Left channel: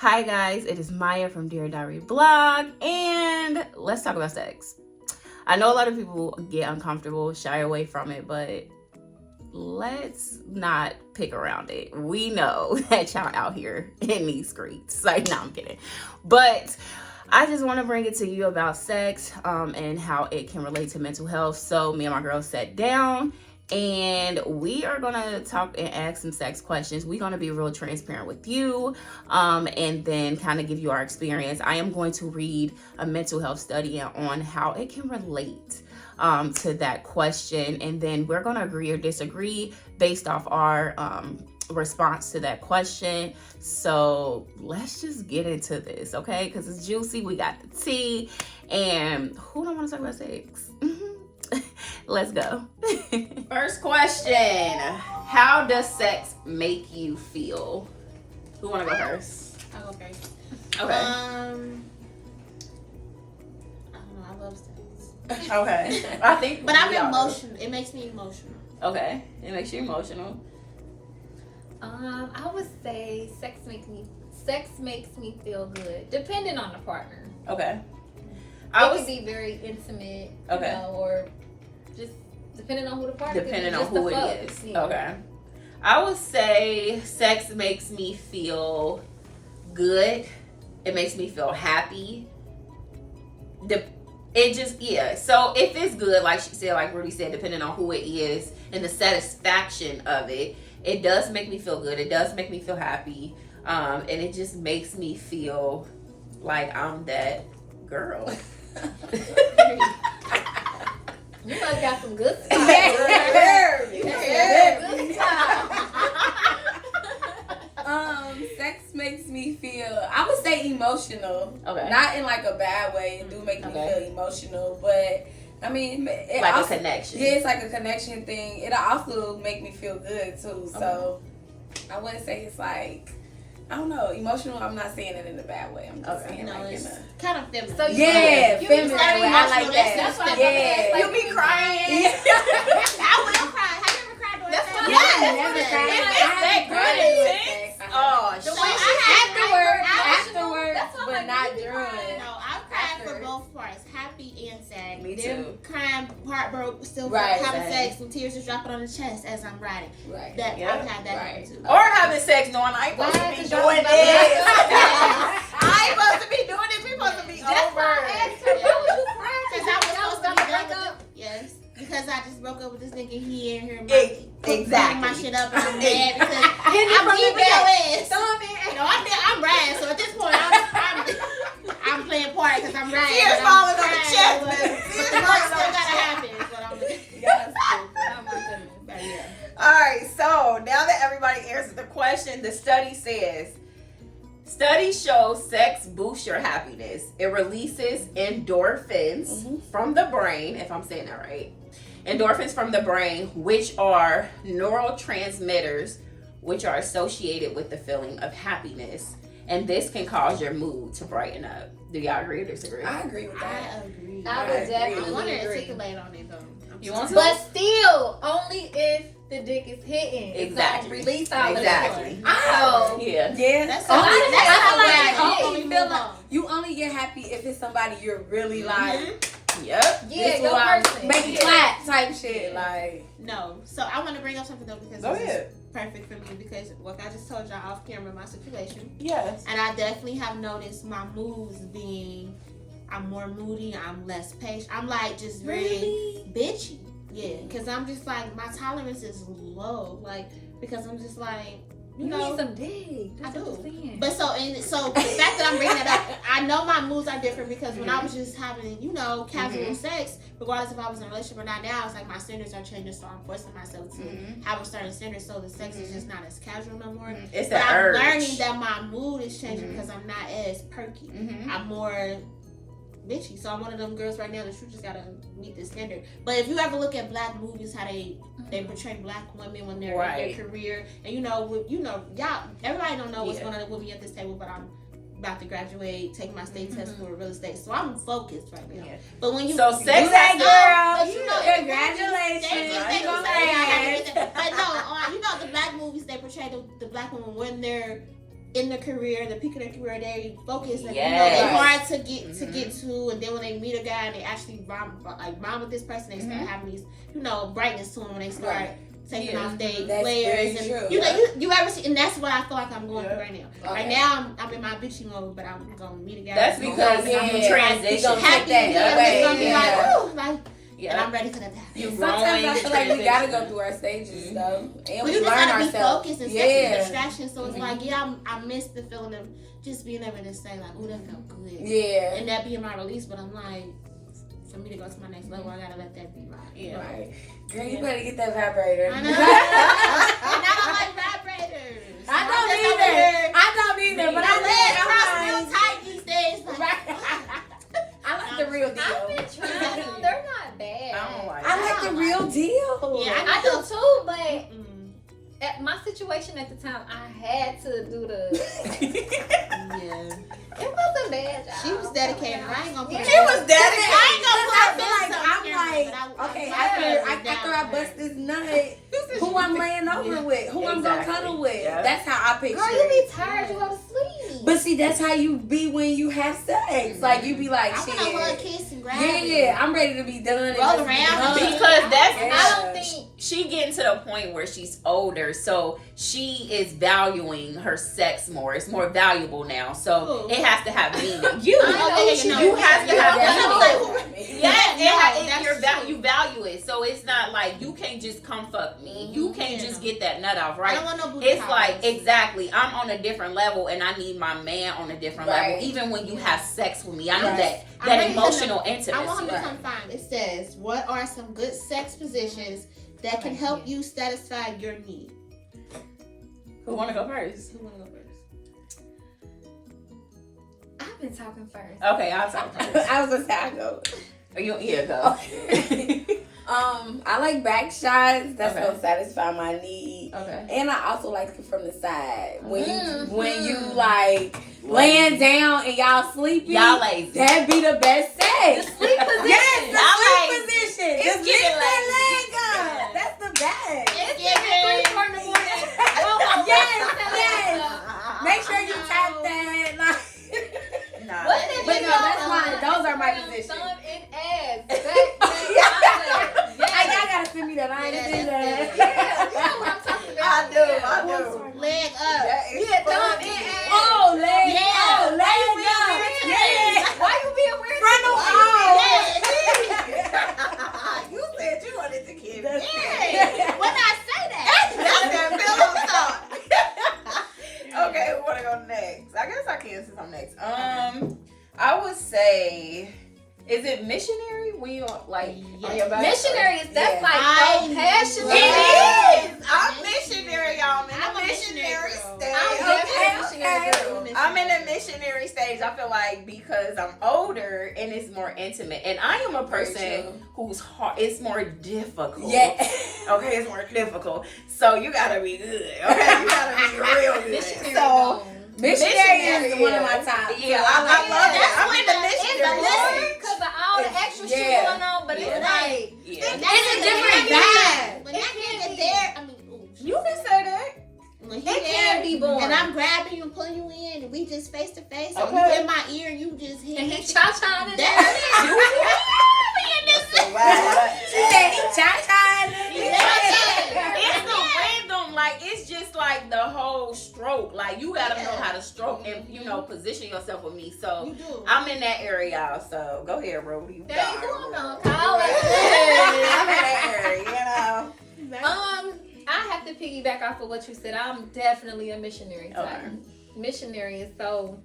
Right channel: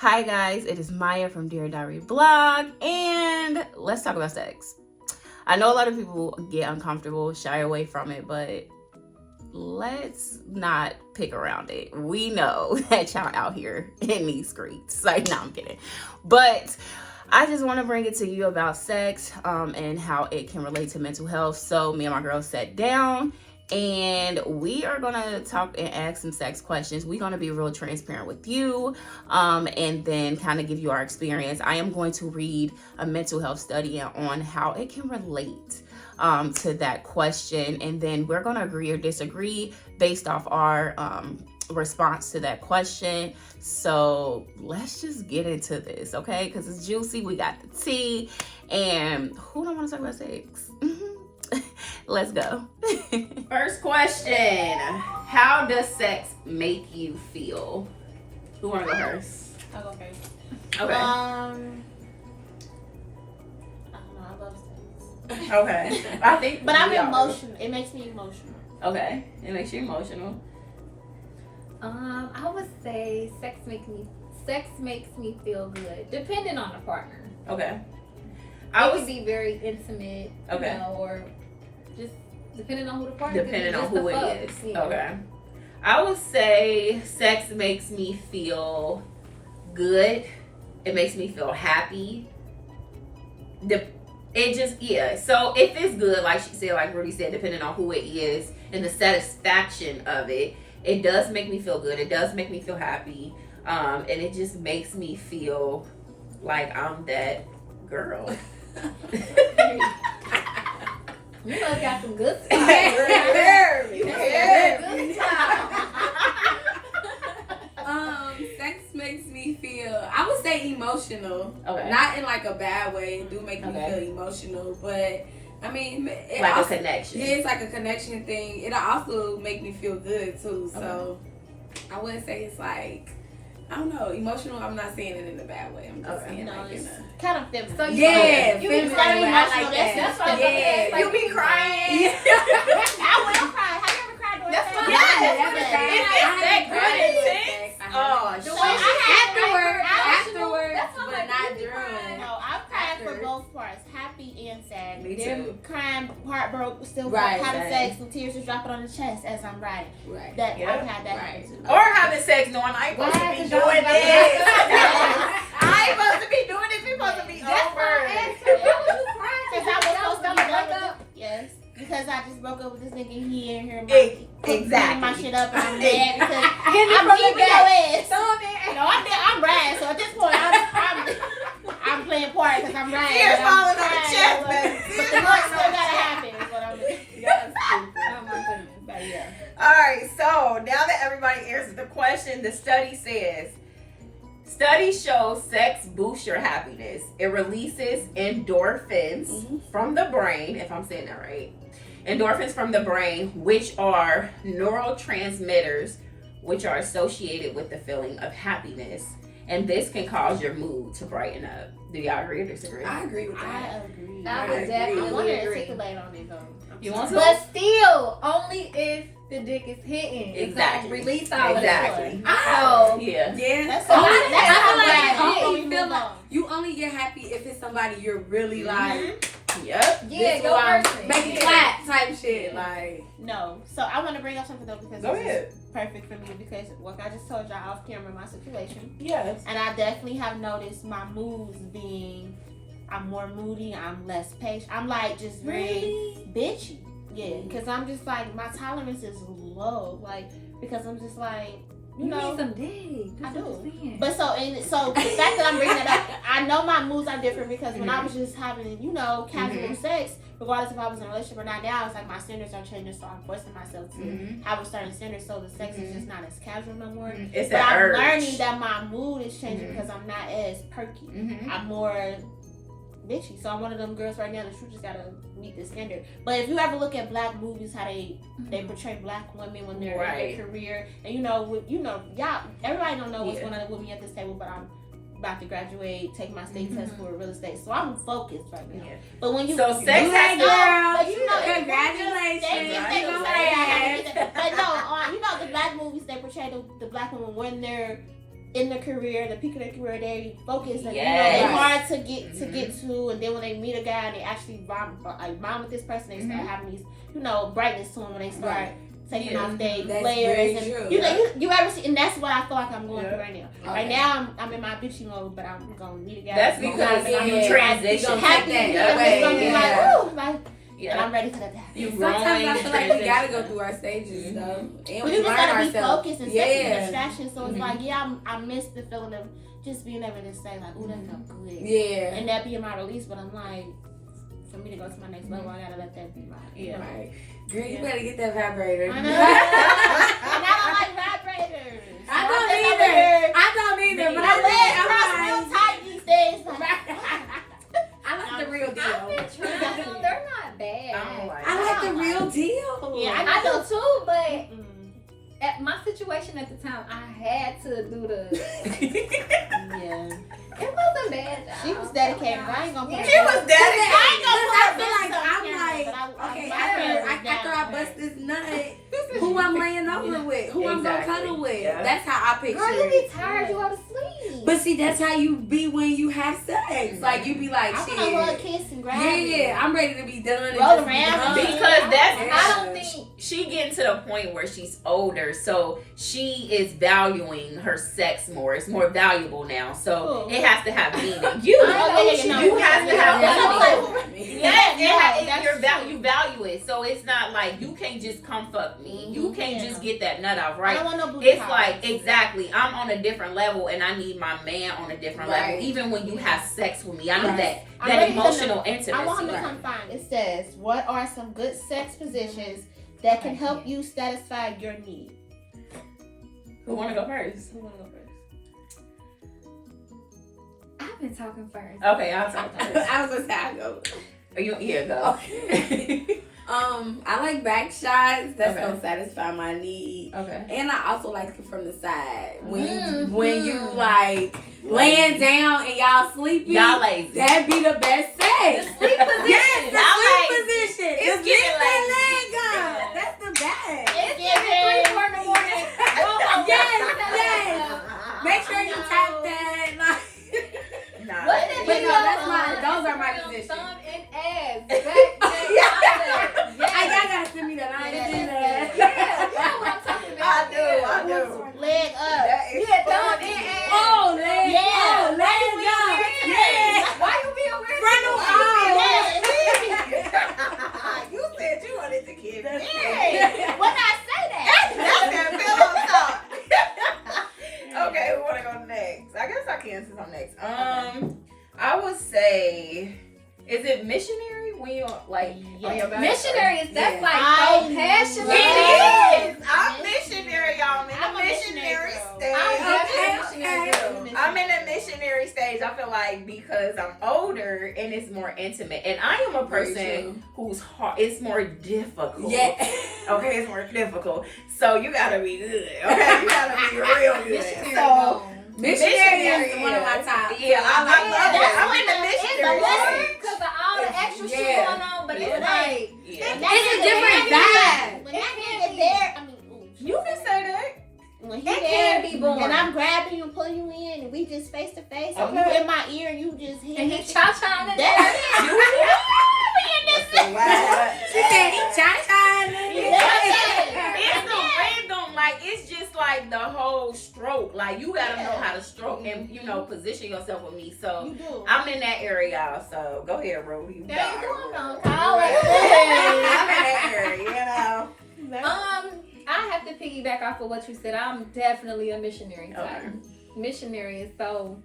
Hi guys, it is Maya from Dear Diary Blog, and let's talk about sex. I know a lot of people get uncomfortable, shy away from it, but let's not pick around it. We know that y'all out here in these streets. Like, no, I'm kidding. But I just want to bring it to you about sex and how it can relate to mental health. So me and my girls sat down and we are going to talk and ask some sex questions. We're going to be real transparent with you and then kind of give you our experience. I am going to read a mental health study on how it can relate to that question. And then we're going to agree or disagree based off our response to that question. So let's just get into this, okay? Because it's juicy. We got the tea. And who don't want to talk about sex? Let's go. First question. How does sex make you feel? Who want to go first? I'll go first. Okay. I don't know. I love sex. Okay. I think, but I'm we all do. emotional. It makes me emotional. Okay. It makes you emotional. I would say sex makes me feel good, depending on the partner. Okay. It could be very intimate, Okay. you know, or just depending on who the partner. Depending on just who the it fuck. is. Yeah. Okay. I would say sex makes me feel good. It makes me feel happy. So if it's good, like she said, like Rudy said, depending on who it is and the satisfaction of it, it does make me feel good. It does make me feel happy. And it just makes me feel like I'm that girl. You must got some good stuff. Sex makes me feel, I would say emotional. Okay. Not in like a bad way. It do make me Okay. feel emotional, but I mean, it Like also, a connection. Yeah, it's like a connection thing. It'll also make me feel good too. So I wouldn't say it's like, I don't know, emotional. I'm not saying it in a bad way. I'm just Okay. saying No, like it's in a, kind of feminine. So yeah, you feminine. very I emotional. like That's that. what I'm Yeah. saying. You be crying. I will cry. Have you ever cried during That's sex? what Yes. I want to say. If it's that good and intense, oh, The shit. way Afterwards, that's what but like, not you be during. crying. No, I've cried for After. both parts, happy and sad. Me Them too. crying, heartbroken, still Right, having same. sex, some tears just dropping on the chest as I'm riding. Right. That Yep. I've had that Right. happen too. Or having sex knowing I ain't supposed to Right, be 'cause y'all doing about to this. break up. I ain't supposed to be doing this. We supposed to be That's over. why I asked her, why was you crying? Because Y'all I was was supposed to about be to done break with up. it. Yes. Because I just broke up with this nigga and he ain't here. Exactly. My shit up and I'm mad because Getting I'm from the keeping your back. ass. No, I'm riding. So at this point, I'm playing part because I'm riding. Tears but I'm falling on the crying, chest, but- baby. But Tears the falling work on still the gotta chest. happen. Is what I'm. Oh my goodness. But yeah. All right, so now that everybody answered the question, the study says, studies show sex boosts your happiness. It releases endorphins from the brain, if I'm saying that right. Endorphins from the brain, which are neurotransmitters, which are associated with the feeling of happiness. And this can cause your mood to brighten up. Do y'all agree or disagree? I agree with that. I agree. I would would I want definitely to agree. articulate on it though. You want to? But still, only if the dick is hitting. Exactly. It's gonna release all Exactly. of that. So, Yeah. Yeah. That's Only- all. that's how how I I feel. we move on. You only get happy if it's somebody you're really like, Yep. yeah, this your one person. make it Yeah. clap type shit. Like, No. So I want to bring up something though because Go this ahead. is perfect for me because what I just told y'all off camera my situation. Yes. And I definitely have noticed my moods being, I'm more moody, I'm less patient. I'm like just very bitchy. Yeah, because I'm just like, my tolerance is low. Like, because I'm just like, you know. need some dick. I That's do. what I'm saying. But so the fact that I'm bringing it up, I know my moods are different because when I was just having, casual sex, regardless if I was in a relationship or not, now it's like my standards are changing, so I'm forcing myself to have a certain standard, so the sex is just not as casual no more. It's But that I'm urge. learning that my mood is changing because I'm not as perky. I'm more bitchy. So I'm one of them girls right now that you just gotta meet the standard. But if you ever look at black movies, how they portray black women when they're in their career, and y'all, everybody don't know what's going on with me at this table, but I'm about to graduate, take my state test for real estate, so I'm focused right now. Yeah. But when you So sex you has know, to- but you know, Congratulations. Thank you. Congratulations. Sorry, I had to get that. But no, the black movies they portray the black woman when they're in their career, the peak of their career, they focus and Yes. they're hard to get to, and then when they meet a guy and they actually bond with this person, they start having these brightness to them when they start taking off their layers and you ever see, and that's what I feel like I'm going through right now. Okay. Right now I'm in my bitchy mode, but I'm gonna meet a guy. That's because you transition. Happy, it's gonna be like, ooh, like. Yeah. And I'm ready for that to happen. Sometimes I feel like we gotta go through our stages, though. And But we you just learn gotta be ourselves. focused and second distraction. So it's like, I miss the feeling of just being able to say like, ooh, that felt good. Yeah. And that being my release, but I'm like, for me to go to my next level, I gotta let that be my. Right. Girl, you better get that vibrator. I know. And I don't like vibrators. I don't either, but My legs cross I'm real tight these days. Like, I like the real deal. I've been trying them. They're not bad. I like the real deal. Yeah, I do too, but mm. at my situation at the time, I had to do the. Yeah. It wasn't bad. She was dedicated. I ain't gonna put She was dedicated. I ain't gonna put her I'm business on camera, like, but okay, I after I bust this nut, who I'm laying over with, who I'm gonna cuddle with. Yeah. That's how I picture Girl, you it. be tired, you go to sleep. But see, that's how you be when you have sex. Like you be like, I shit. wanna hug, kiss, and grab. Yeah, I'm ready to be done. Roll around. Because that's I don't think. she getting to the point where she's older, so she is valuing her sex more. It's more valuable now, so Ooh. it has to have meaning. You You have to have meaning. Yes, you value it, so it's not like you can't just come fuck me. You can't just get that nut off, I right? don't want no booty It's calls. like exactly. I'm on a different level, and I need my man on a different Right. level. Even when you have sex with me, I need Right. I'm that ready to emotional I intimacy. want him to come find. It says, what are some good sex positions that can help you satisfy your need? Who want to go first? Who wanna go first? I've been talking first. Okay, I'll talk first. I was gonna say I go. Yeah, go. Okay. I like back shots. That's Okay. gonna satisfy my need. Okay. And I also like it from the side. When Mhm. when you like laying down and y'all sleeping, Y'all lazy. that be the best The sex. sleep position. Yes, the Y'all sleep lazy. position. It's Just getting lift that lazy. leg up. That's the best. It's giving 3, 4 in the morning. Go home. Yes. Make sure you tap that. Like, Nah. What's that But video? no, that's not- those are my Thumb positions. and ass. Back, all that. I Yes. gotta send me that. I Yeah, ain't do that's that. Yeah, you know what I'm talking about. I do. Leg up. Yeah, thumb and ass. Oh, leg Yeah. up. Why Leg you being up. weird today? Yes. Why you being weird? Front to of me? You said you wanted to kiss me. Yeah. When I say that. That's that pillow talk. Okay, we want to go next. I guess I can since I'm next. I would say, is it missionary when you like on your back? Missionary is that's Yeah. like I so passionate. It is. I'm missionary, y'all. I'm I'm a in the missionary missionary girl. stage. I'm definitely a Okay, missionary okay. girl. I'm in a missionary stage. I feel like because I'm older and it's more intimate, and I am a Very person who's hard. It's more difficult. Yeah. Okay, it's more difficult. So you gotta be good. Okay, you gotta be real good. Missionary So gone. Missionary is one of my top. yeah, I love it. That's I'm in the when it's missionary the Lord. stage. Because of all the extra shit Yeah. going on, but Yeah. it's like Yeah. When It's a different vibe. vibe. When that nigga there, I mean, ooh, You can say that. when he it there, can be born. and I'm grabbing you and pulling you in, and we just face to face, and you Okay. in my ear, and you just hear and he cha-cha in there. That's She said he cha-cha. It's no random, like it's just like the whole stroke. Like you gotta know how to stroke and position yourself with me. So You do. I'm in that area, y'all. So go ahead, Rudy. You There got you it. go. I'm gonna call it. I'm in that area, you know. I have to piggyback off of what you said. I'm definitely a missionary. Okay. Missionary is so.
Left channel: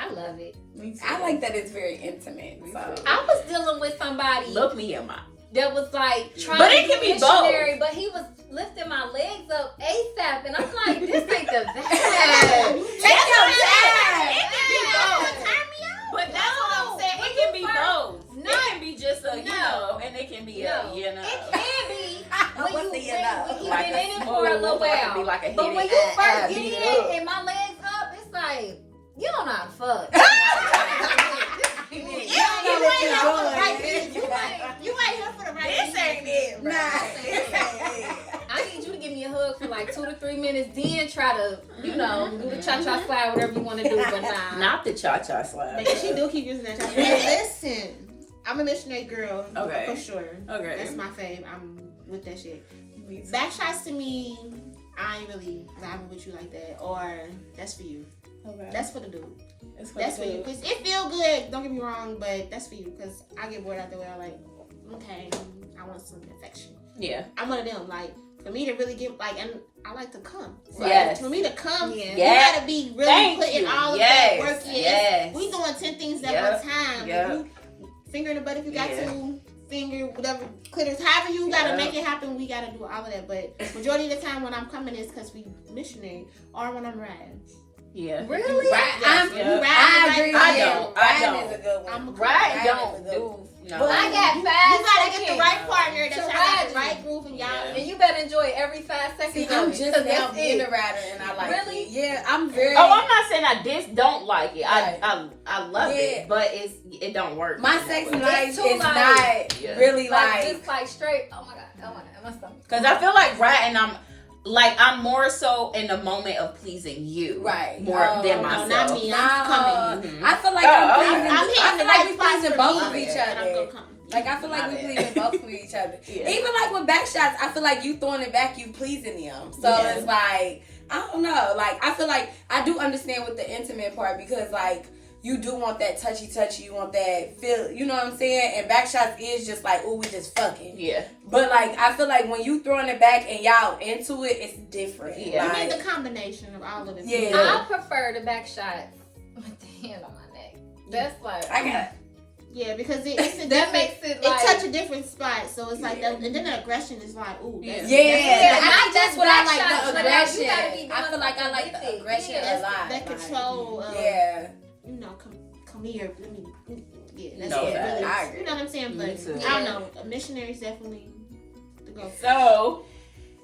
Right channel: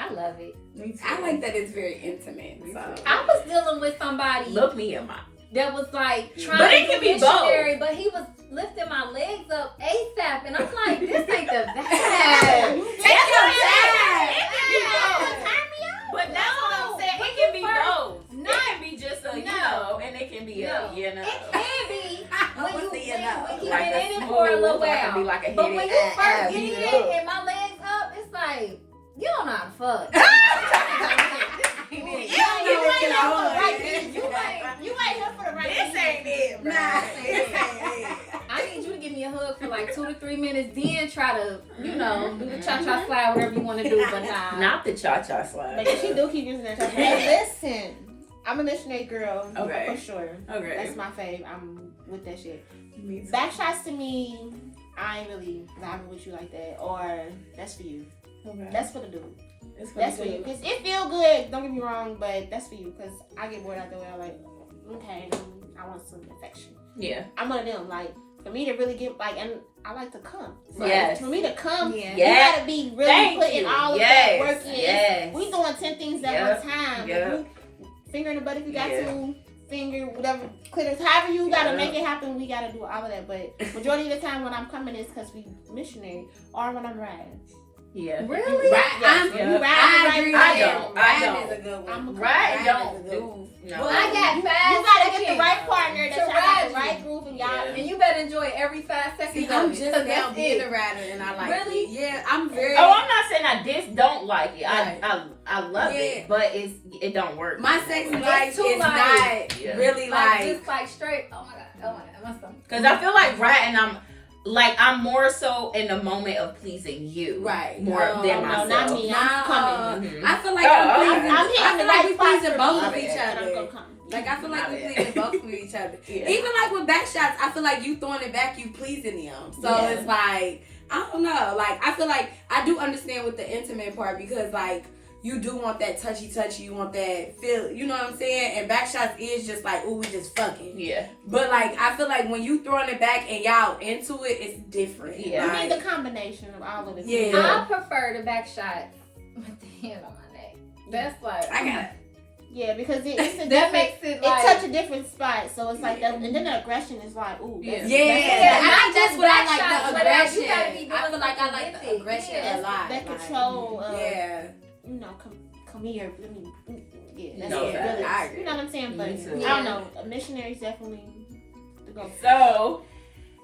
I love it. Me too. I like that it's very intimate. So. I was dealing with somebody Look me in my. that was like trying But to it be can be missionary, but he was lifting my legs up ASAP, and I'm like, this ain't the vibe. That's what I'm saying. It can be Yeah. both. But that's what I'm saying. It can be both. No. It can be just a, and it can be No. a, It can be when you when he Like been a in it for a little smooth, or it can be while. like a But hit when it, you first beat get it up. in and my legs up, it's like, you don't know how to fuck. You You ain't ain't here for the right reason. reason. You ain't here for the right This reason. ain't it, bro. Nah. This ain't it. I need need you to give me a hug for like 2 to 3 minutes, then try to, you know, do the cha-cha slide, whatever you want to do, but nah. Not the cha-cha slide. But she do keep using that. Hey, listen, I'm a missionary girl, Okay. for sure. Okay. That's my fave. I'm with that shit. Back shots to me, I ain't really vibing with you like that. Or that's for you. Okay. That's for the dude. It's That's for you. Because it feel good, don't get me wrong, but that's for you. Because I get bored out the way. I'm like, okay, I want some affection. Yeah. I'm one of them. Like, for me to really get, like, and I like to come. So Yes. For me to come, Yeah. you Yes. gotta be really Thank putting you. all of Yes. that work in. Yes. We doing 10 things at Yep. one time. Yep. If you finger in the butt if you got Yeah. to, finger, whatever, clitoris, however you gotta Yep. make it happen, we gotta do all of that. But majority of the time when I'm coming is because we missionary or when I'm riding. Yeah. Really? Right. Yes, Yeah. you riding I agree. I right don't. I Riding don't. is a good one. I'm a Right? Riding Don't is a good do. one. No. Well, I got You 5 gotta seconds get the right partner that to y'all got ride the you. right groove and y'all. Yeah. And you better enjoy every 5 seconds See, of I'm it, just 'cause now that's being it. a rider and I like Really? it. Yeah, I'm very. Oh, I'm not saying I don't like it. Right. I love Yeah. it, but it don't work. My sex Because life is too light. not Yeah. really Like, like. just like straight, oh my god, my stomach. I feel like riding, I'm more so in the moment of pleasing you, Right. More Oh, than no, myself. not me. I'm coming. Mhm. I feel like Oh, I'm, okay. pleasing, I'm I hitting the feel like right we spots pleasing for both me, of each and I'm other. gonna come. Like I feel like My we bad. pleasing both of each other. Yeah. Even like with back shots, I feel like you throwing it back, you pleasing them. So Yeah. it's like I don't know. Like I feel like I do understand with the intimate part because like you do want that touchy, you want that feel. You know what I'm saying? And back shots is just like, oh, we just fucking. Yeah. But like I feel like when you throwing it back and y'all into it, it's different. Yeah. You Like, need the combination of all of it. Yeah. I prefer the back shot with the hand on my neck. That's like, I got Yeah, because it's a that different. makes it It like, touch a different spot, so it's like that, and then the aggression is like, ooh, that's, Yeah, yeah, I- not that's just what I back like, shots, the but like, you aggression. gotta be doing I feel like I something like with the it. aggression Yeah. a lot. that Like, control of, yeah. you know, come here. Let me, yeah, that's No, it. facts. Really, I agree. you know what I'm saying? But Me too. I don't know. Missionaries definitely to go. So,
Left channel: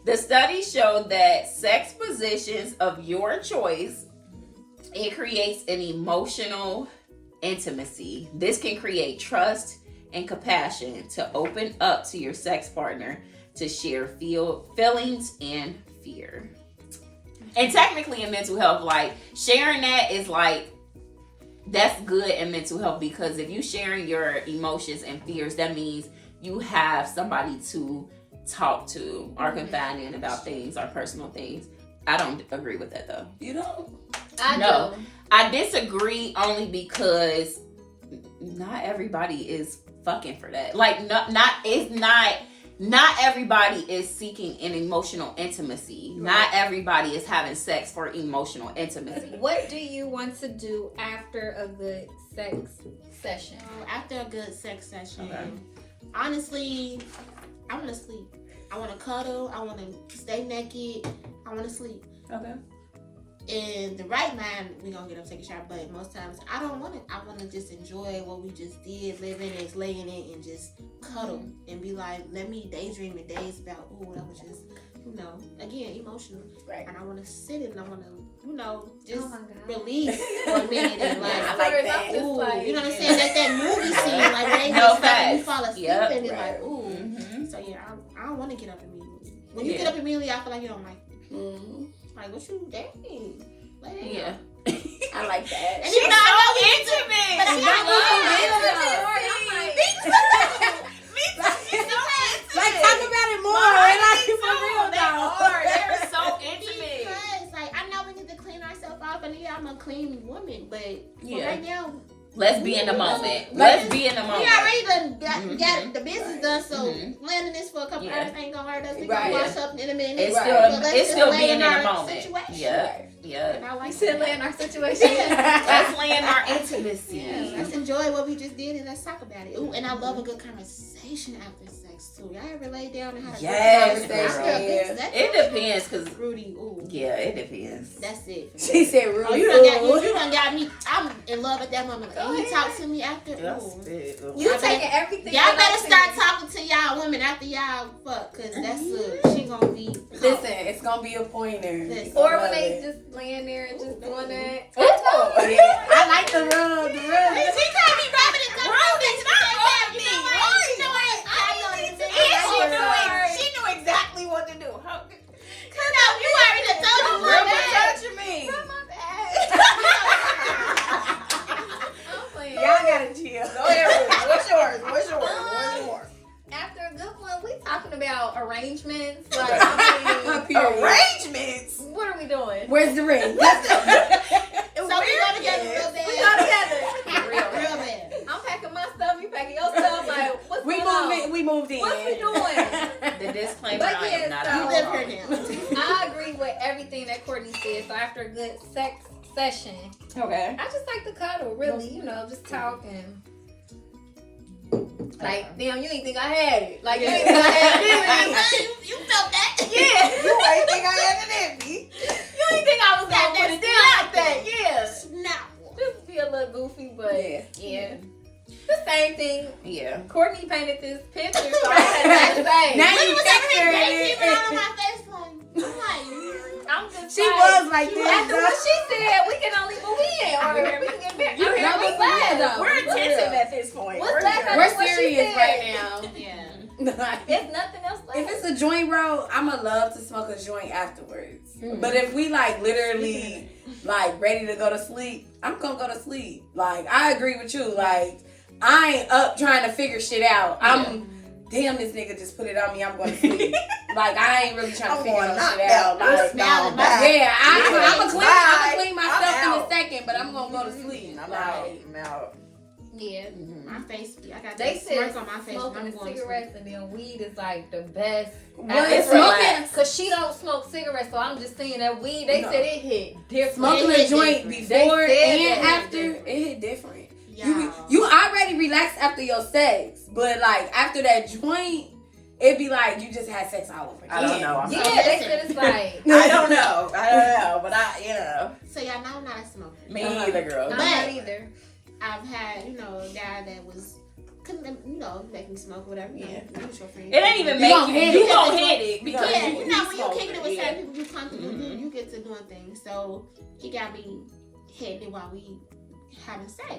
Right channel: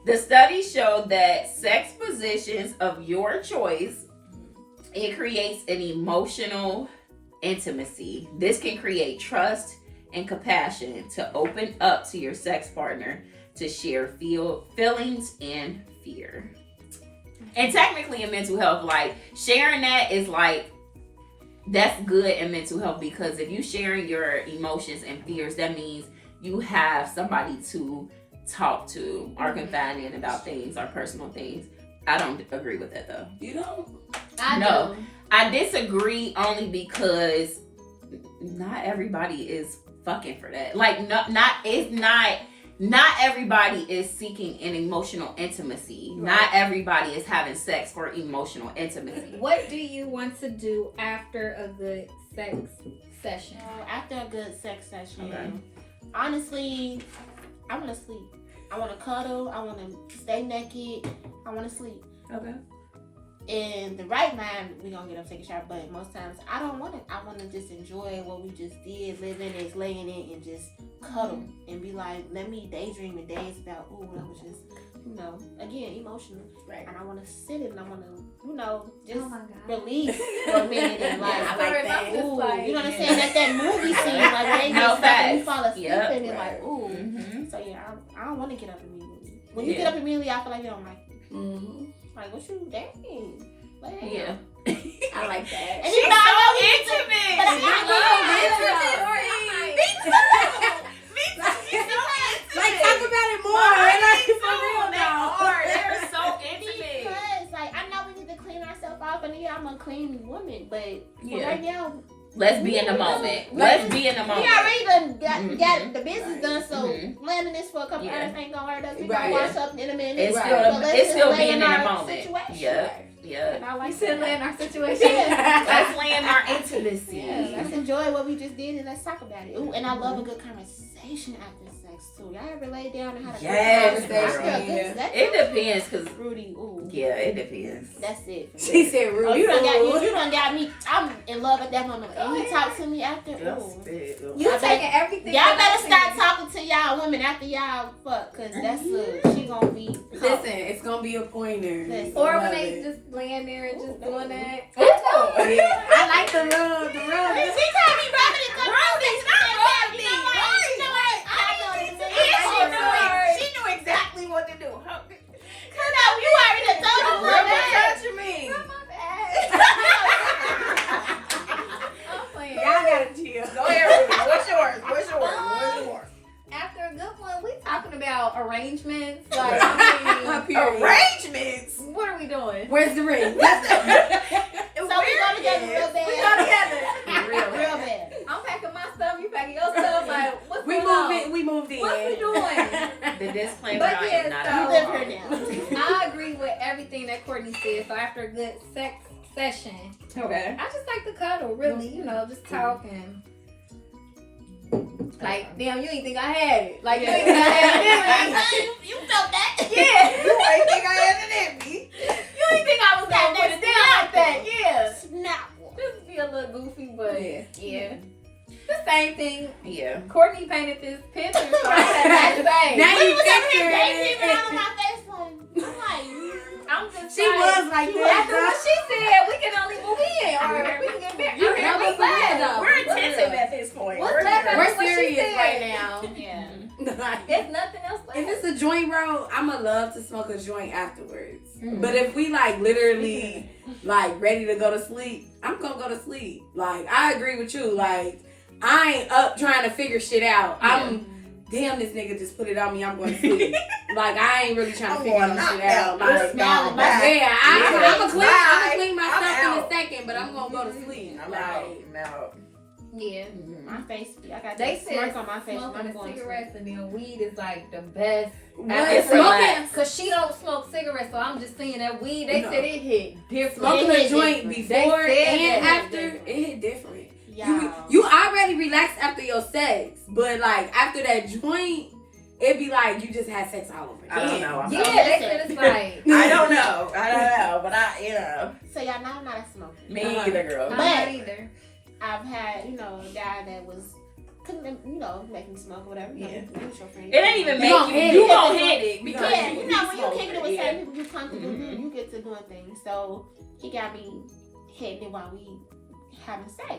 the study showed that sex positions of your choice, it creates an emotional intimacy. This can create trust and compassion to open up to your sex partner to share feelings and fear. And technically in mental health, like sharing that is like that's good in mental health because if you sharing your emotions and fears, that means you have somebody to talk to or confide in about things or personal things. I don't agree with that though. You know? I No. do. I disagree only because not everybody is fucking for that. Like not everybody is seeking an emotional intimacy. Right. Not everybody is having sex for emotional intimacy. What do you want to do after a good sex session? After a good sex session, Okay. honestly, I want to sleep. I want to cuddle. I want to stay naked. I want to sleep. Okay. In the right mind, we gonna get up, take a shower. But most times, I don't want it. I want to just enjoy what we just did, live in it, lay in it, and just cuddle and be like, let me daydream in days about, ooh, that was just, you know, again, emotional. Right. And I want to sit and I want to, you know, just Oh my God. release for a minute and like, Yeah, I like that. I'm just ooh, like, you know what I'm saying? That movie scene, like when they No just stop and you facts. fall asleep Yep. and you're like, ooh. Mm-hmm. So yeah, I don't want to get up immediately. When you Yeah. get up immediately, I feel like you don't like me. Mm-hmm. Like, what you dang? Lay down. Yeah. I like that. And you know, I know we need to, intimate. but I She know Like, talk about it more. They're so intimate. Because, like, I know we need to clean ourselves off, and yeah, I'm a clean woman, but for Yeah. right now, Let's be in the moment. Let's be in the we moment. already done got Mhm. the business done, so Mhm. landing this for a couple Yeah. hours ain't gonna hurt us. We Right. gonna wash up in a minute. It's Right. still But let's it's just still lay being in the our moment. situation. Yeah. Yeah. And I like You said that. lay in our situation. Let's lay in our intimacy. Yeah, let's enjoy what we just did and let's talk about it. Ooh, and I love a good conversation after sex too. Y'all ever lay down and had a Yes, good conversation girl. after a good sex? It depends, cause Rudy, ooh, yeah, it depends. that's it. for me. She said, "Rudy." Oh, you done got me. I'm in love at that moment. Can you talk to me after? Ooh. You I taking everything. Y'all that better I start said. talking to y'all women after y'all fuck, cause that's she gonna be. Listen, it's gonna be a pointer. Listen. Or I when love they it. just laying there and just doing that. Yeah, I like the rub. The She rub. can't be rubbing it. You know what? I know She knew exactly what to do. like Courtney said. So after a good sex session, Okay. I just like to cuddle. Really, just talk and. Like, damn, you ain't think I had it. Like, you ain't think I had it, You felt that? Yeah. You ain't think I had it in me. You ain't think I was gonna put it down like that. Yeah. Snap. Just be a little goofy, but Yeah. yeah. The same thing. Yeah. Courtney painted this picture, so I had to say. Now When you you was over here picturing daydreaming it. all on my face, like, I'm just She was like after that. what she said, we can only move in or we can get married. You I mean, know what's what's that? weird, though? We're intensive at this point. What's that? good. What We're she serious said. right now. yeah. There's nothing else left. If it's a joint, bro, I'ma love to smoke a joint afterwards. Mm. But if we like literally like ready to go to sleep, I'm gonna go to sleep. Like I agree with you. Like I ain't up trying to figure shit out. Damn, this nigga just put it on me. I'm going to sleep. Like I ain't really trying to figure this shit out. Like, smiling. yeah, I'm gonna Bye. clean myself I'm in a out. second, but I'm gonna go to sleep. I'm Like, out. I'm out. Yeah. My face, I got They that said smirk on my face. smoking I'm the going to cigarettes and then weed is like the best. What? After Smoking, Cause she don't smoke cigarettes, so I'm just saying that weed. They No. said it hit different. smoking It a hit joint different. before They said and that. after, it hit different. Yeah. You already relaxed after your sex, but like after that joint, it'd be like you just had sex all over again. I don't know. I'm Yeah, not- they said it's like. I don't know. But So y'all know I'm not a smoker. Me either, girl. I'm But- not either. I've had, a guy that couldn't, make me smoke or whatever. You with your friend. It ain't even You make gon' you. hit You it. gon' hit it because Yeah, you when you're kicking it with certain people you comfortable with, you get to doing things. So he got me hitting it while we having sex.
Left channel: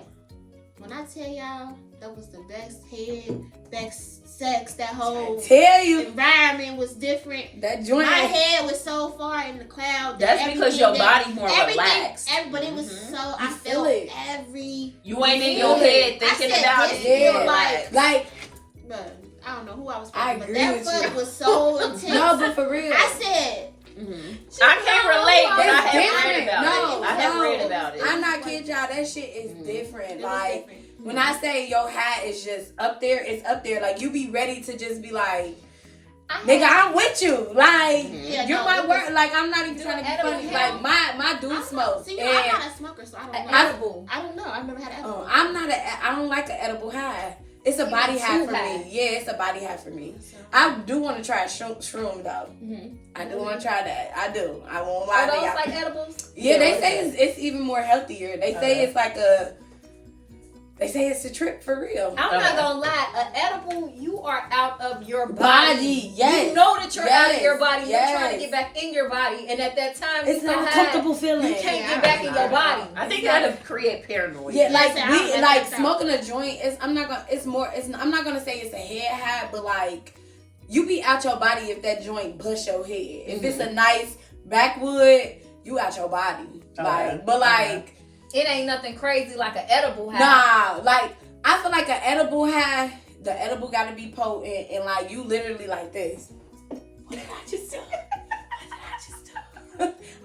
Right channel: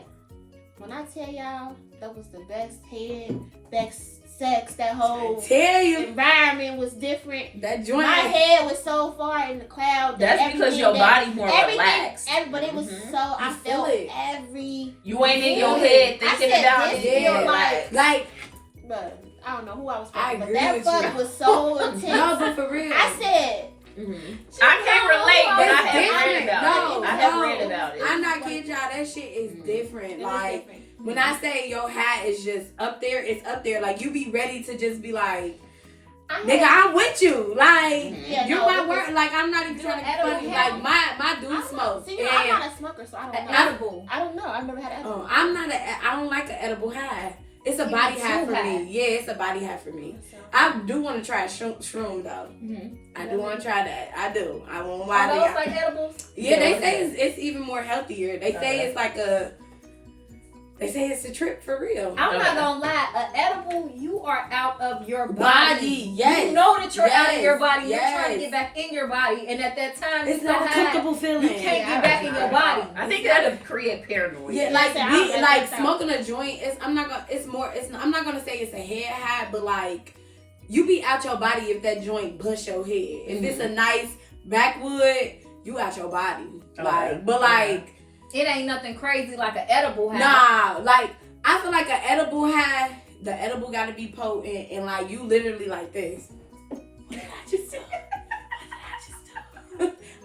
When I tell y'all that was the best head, best sex, that whole Tell you environment was different. that joint. My head was so far in the cloud. That That's because everything your that- body more everything, relaxed. but it was Mhm. so I You feel felt it. every. You ain't in your Yeah. head I thinking said about this it. feel Yeah, like- like But I don't know who I was I fucking, but agree that with fuck you. was so intense. no, but for real. I said, I can't relate, but I It's have different. read about No, it. I have no. read about it. I'm not kidding y'all. That shit is Mhm. different. it was Like different. when I say your hat is just up there, it's up there. Like you be ready to just be like, nigga, I'm with you. Like Mhm. you no, my it word. was- Like I'm not even Do trying to an be edible funny. count? Like my I dude don't know. smokes. See, and I'm not a smoker, so I don't An know. edible. I don't know. I've never had an edible. I'm not. I don't like an edible high. It's a You body need high two for high. me. Yeah, it's a body high for me. So, I do want to try shroom though. Mhm. I do want to try that. I do. I won't lie Are to those y'all. like edibles? Yeah, they Yeah, say it's even more healthier. They say Okay. it's like a. They say it's a trip for real. I'm not Okay. gonna lie. An edible, you are out of your Body, yes. You know that you're out of your Yes, body. You're trying to yes. get back in your body, and at that time, It's you're so not a high, comfortable feeling. you can't Yeah, get back in your body. I think that'll create paranoia. Yeah, like Yes, I we don't like like that. smoking a joint. I'm not gonna say it's a head high, but like you be out your body if that joint bust your head. If it's a nice backwood, you out your body. Like, but like, It ain't nothing crazy like an edible high. nah, like I feel like an edible high. The edible got to be potent, and like you literally like this. What did I just say?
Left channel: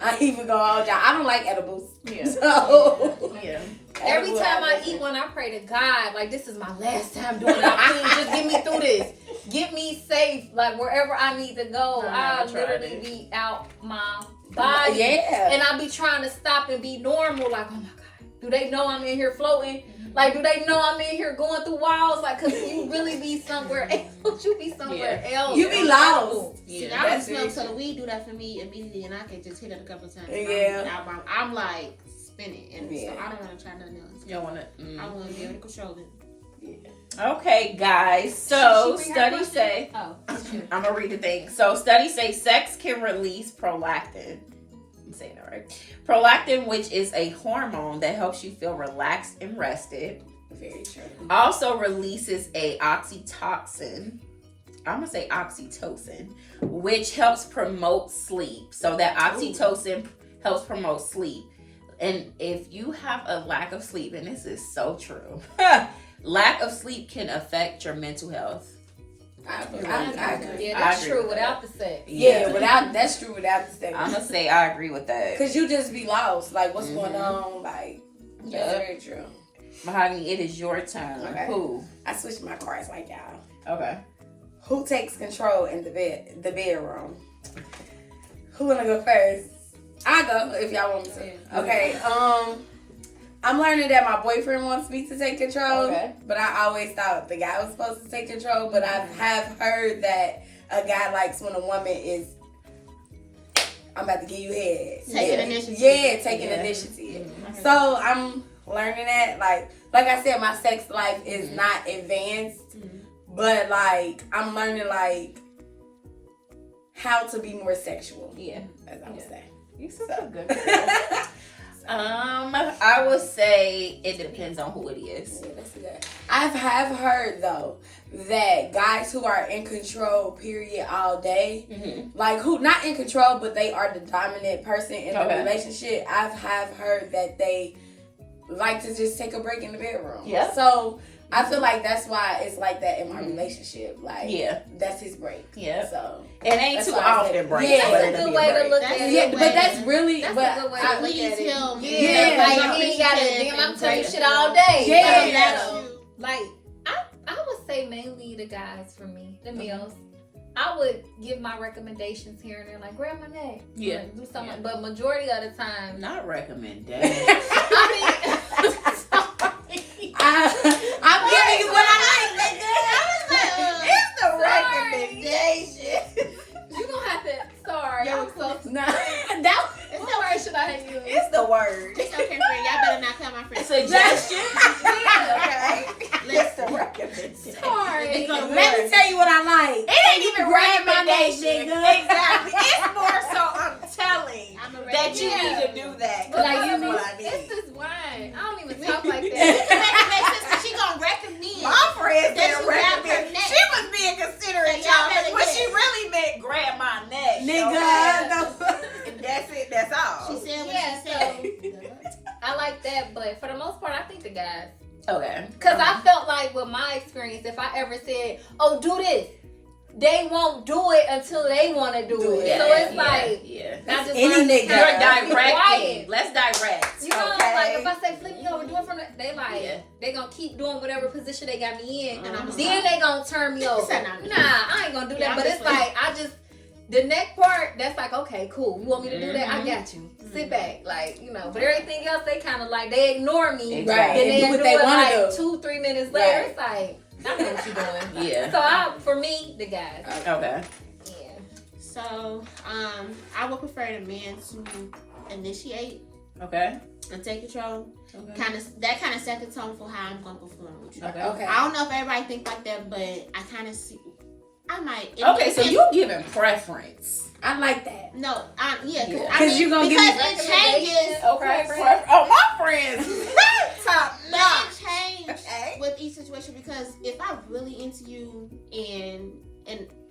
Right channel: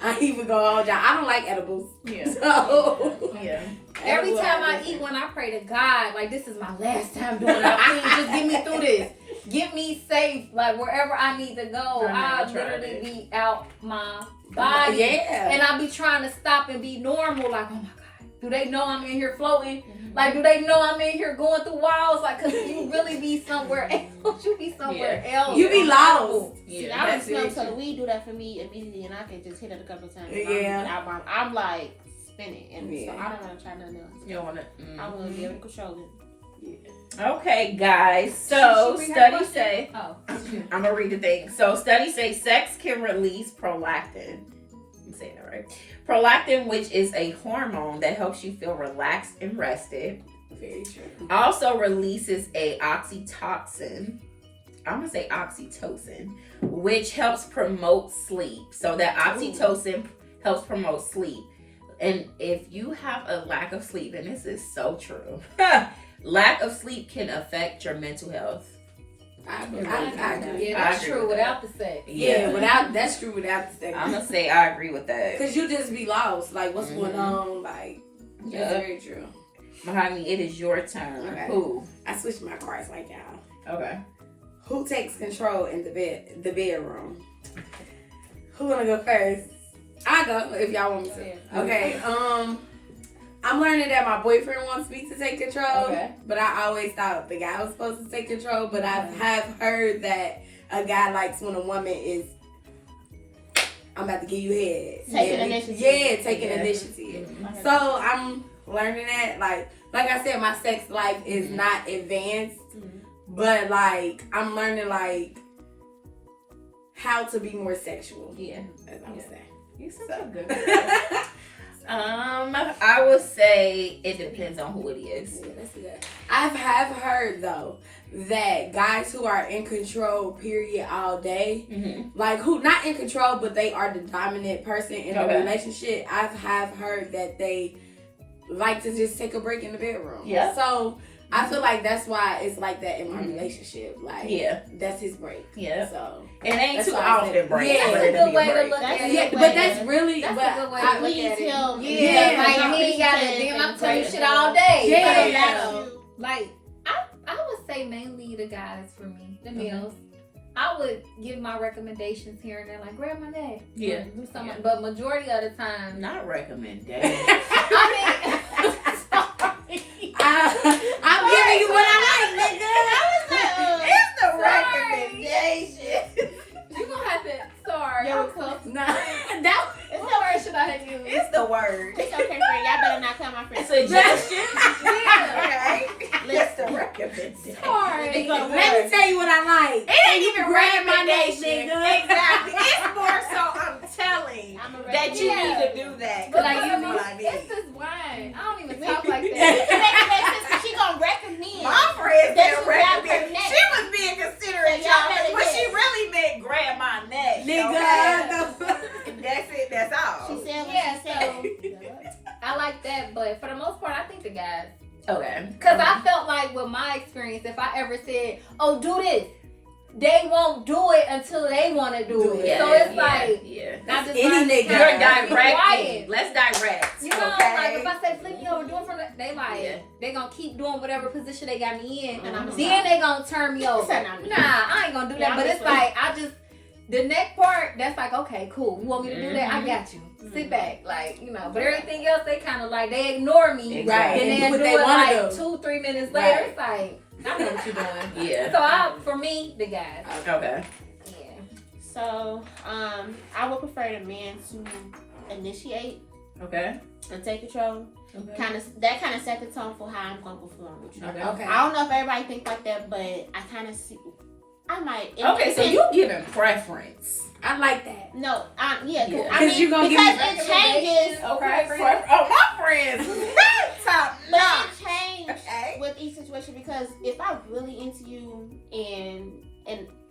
I ain't even gonna hold y'all. I don't like edibles. Yeah. So Yeah. Every edible time I high eat one, I pray to God, like this is my last time doing it. Please just get me through this. Get me safe, like wherever I need to go. I I never tried literally it. be out my body. Yeah. And I be trying to stop and be normal, like, oh my God, do they know I'm in here floating? Like, do they know I'm in here going through walls? Like, cause you really be somewhere else. You be somewhere else. You be lost. see, Yeah. I don't that's smoke, very so the true. weed do that for me immediately, and I can just hit it a couple of times. Yeah. I'm like spinning, and Yeah. so I don't want to try nothing else. You don't want I to. want to be able to control it. Okay, guys. So Should she read her studies question? say. Oh, I'm gonna read the thing. So studies say sex can release prolactin. I'm saying that right. Prolactin, which is a hormone that helps you feel relaxed and rested, Very true. also releases a oxytocin. I'm gonna say oxytocin, which helps promote sleep. So that oxytocin helps promote sleep. And if you have a lack of sleep, and this is so true, lack of sleep can affect your mental health. I agree. yeah, I that's agree true with without the sex. Yeah, that's true without the I'm statement. gonna say I agree with that. Cause you just be lost. Like, what's going Mhm. on? Like, that's Yeah. very true. Mahogany, it is your turn. Okay. Who? I switched my cards like y'all. Okay. Who takes control in the bedroom? Who wanna go first? I go if y'all want me to. Okay. I'm learning that my boyfriend wants me to take control. Okay. But I always thought the guy was supposed to take control. But I have heard that a guy likes when a woman is, I'm about to give you head. Taking initiative. Yeah, taking Yeah. initiative. So I'm learning that. Like I said, my sex life is not advanced. But like I'm learning like how to be more sexual. Yeah. As I would say. You such a good girl. I would say it depends on who it is. I have heard though that guys who are in control, period, all day, like who not in control, but they are the dominant person in a relationship. I have heard that they like to just take a break in the bedroom. Yeah. So I feel like that's why it's like that in my relationship. Like, that's his break. Yeah. So it ain't that's too why I said- often break. Yeah, but that's a it'll good be a way to break. look at it. yeah, but that's really That's but a good way to I- look Please at it. tell me. Yeah, Yeah, like yeah. he ain't got it. Damn, I'm telling you shit all all day. Yeah. Yeah. Like I would say mainly the guys for me, the males. I would give my recommendations here and there, like grab my neck, Yeah. do something. But majority of the time, Not recommendation. I mean, I'm giving you what I like, nigga. it's the recommendation. You gonna have to. Sorry, Yo, I'm close. No, that What word should I use? It's the word. It's okay, friend. Y'all better not call my friend. Suggestion. Yeah. It's the recommendation. Sorry. It's gonna let me tell you what I like. It ain't even grab my neck, recommendation. nigga. Exactly. It's more so I'm telling I'm a that you Yeah. need to do that. But Like like you you know know, what I it's need. this wine. I don't even talk like It that. makes sense because she gonna recommend. My friend That said you grab her recommend. neck. She was being considerate, So y'all y'all. better What she get- really meant, grab my neck. Nigga, Okay? That's it. That's all. She said what Yeah, she said. I like that, but for the most part, I think the guys. Okay. Because I felt like with my experience, if I ever said, oh, do this, they won't do it until they want to do it. So it's like, yeah. I just Any learned to nigga. kinda You're be directing. quiet. Let's direct. You know, okay? like if I say flip me over, do it from the, they like, Yeah. they gonna keep doing whatever position they got me in. And I'ma Then stop. they gonna turn me over. said Nah, nah. I ain't gonna do that. Yeah, but I'm it's just like, I just, the neck part, that's like, okay, cool. You want me to do that? I Mhm. got you. Sit back. Like, you know, but everything else, they kind of like, they ignore me. Exactly. Then Right. they Do what do they it wanna like do. 2-3 minutes later. Right. It's like, I know what you're doing. Yeah. So for me, the guys. Okay. Yeah. So, I would prefer the man to initiate Okay. and take control. Okay. That kind of set the tone for how I'm gonna perform with you. Okay. Okay. I don't know if everybody think like that, but I kind of see. I might. it Okay. So depends. you giving preference. I like that. No, yeah, Yeah. I 'Cause mean, you gonna give because me it changes. Okay. Preference. Oh, my friends. Top But notch. it changes Okay. with each situation because if I'm really into you and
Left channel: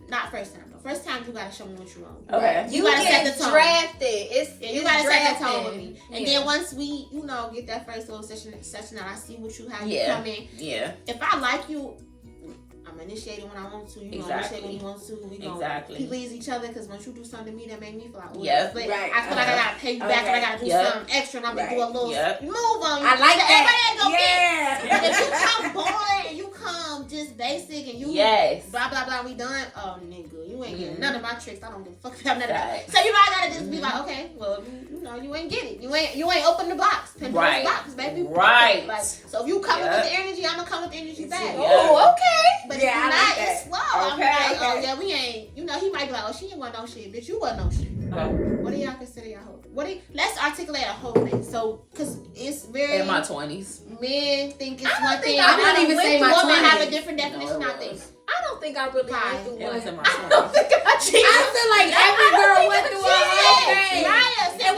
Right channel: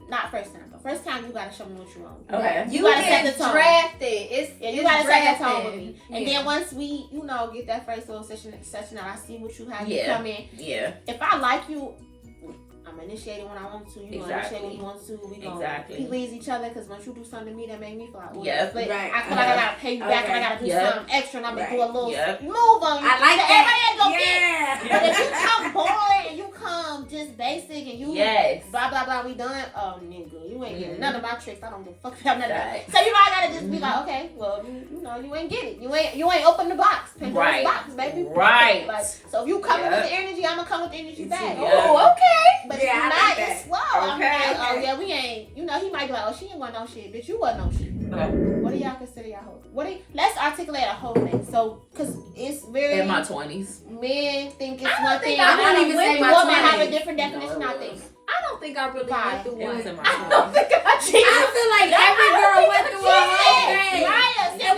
not first time, but first time you gotta show me what you want. Okay. You gotta set get the tone. drafted. It's Yeah, you it's gotta set the tone drafted. with me. And Yeah. then once we, get that first little session out, I see what how you Yeah. come in. Yeah. If I like you, I'm initiating when I want to. You gonna initiate when Exactly. you want to. We gonna Exactly. please each other because once you do something to me that make me feel like, oh, Yep. but Right. I feel like I gotta pay you back and I gotta do Yep. something extra and I'm gonna Right. do a little Yep. move on you. I like So that. everybody ain't gonna fit. But if you come boring and you come just basic and you Yes. blah blah blah, we done. Oh nigga, you ain't getting none of my tricks. I don't give a fuck about none of Right. that. So I gotta just be like, okay, well you ain't get it. You ain't open the box. Pandora's Right. box, baby. Right. Like so if you come Yep. with the energy, I'ma come with the energy back. Yeah. Oh, okay. But Yeah, if I you're like not, that. it's slow. I'm Okay. like, oh yeah, we ain't. He might be like, oh she ain't want no shit, bitch. You wasn't no shit. Okay. What do y'all consider y'all whole? Let's articulate a whole thing. So, cause it's very In my 20s. men think it's I don't one think thing. I don't even say my women have a 20s. different No, definition. it I think. was. I don't think I really Why? went through It one. was in my I 20s. don't think I I feel like every girl went through a whole thing. Raya said And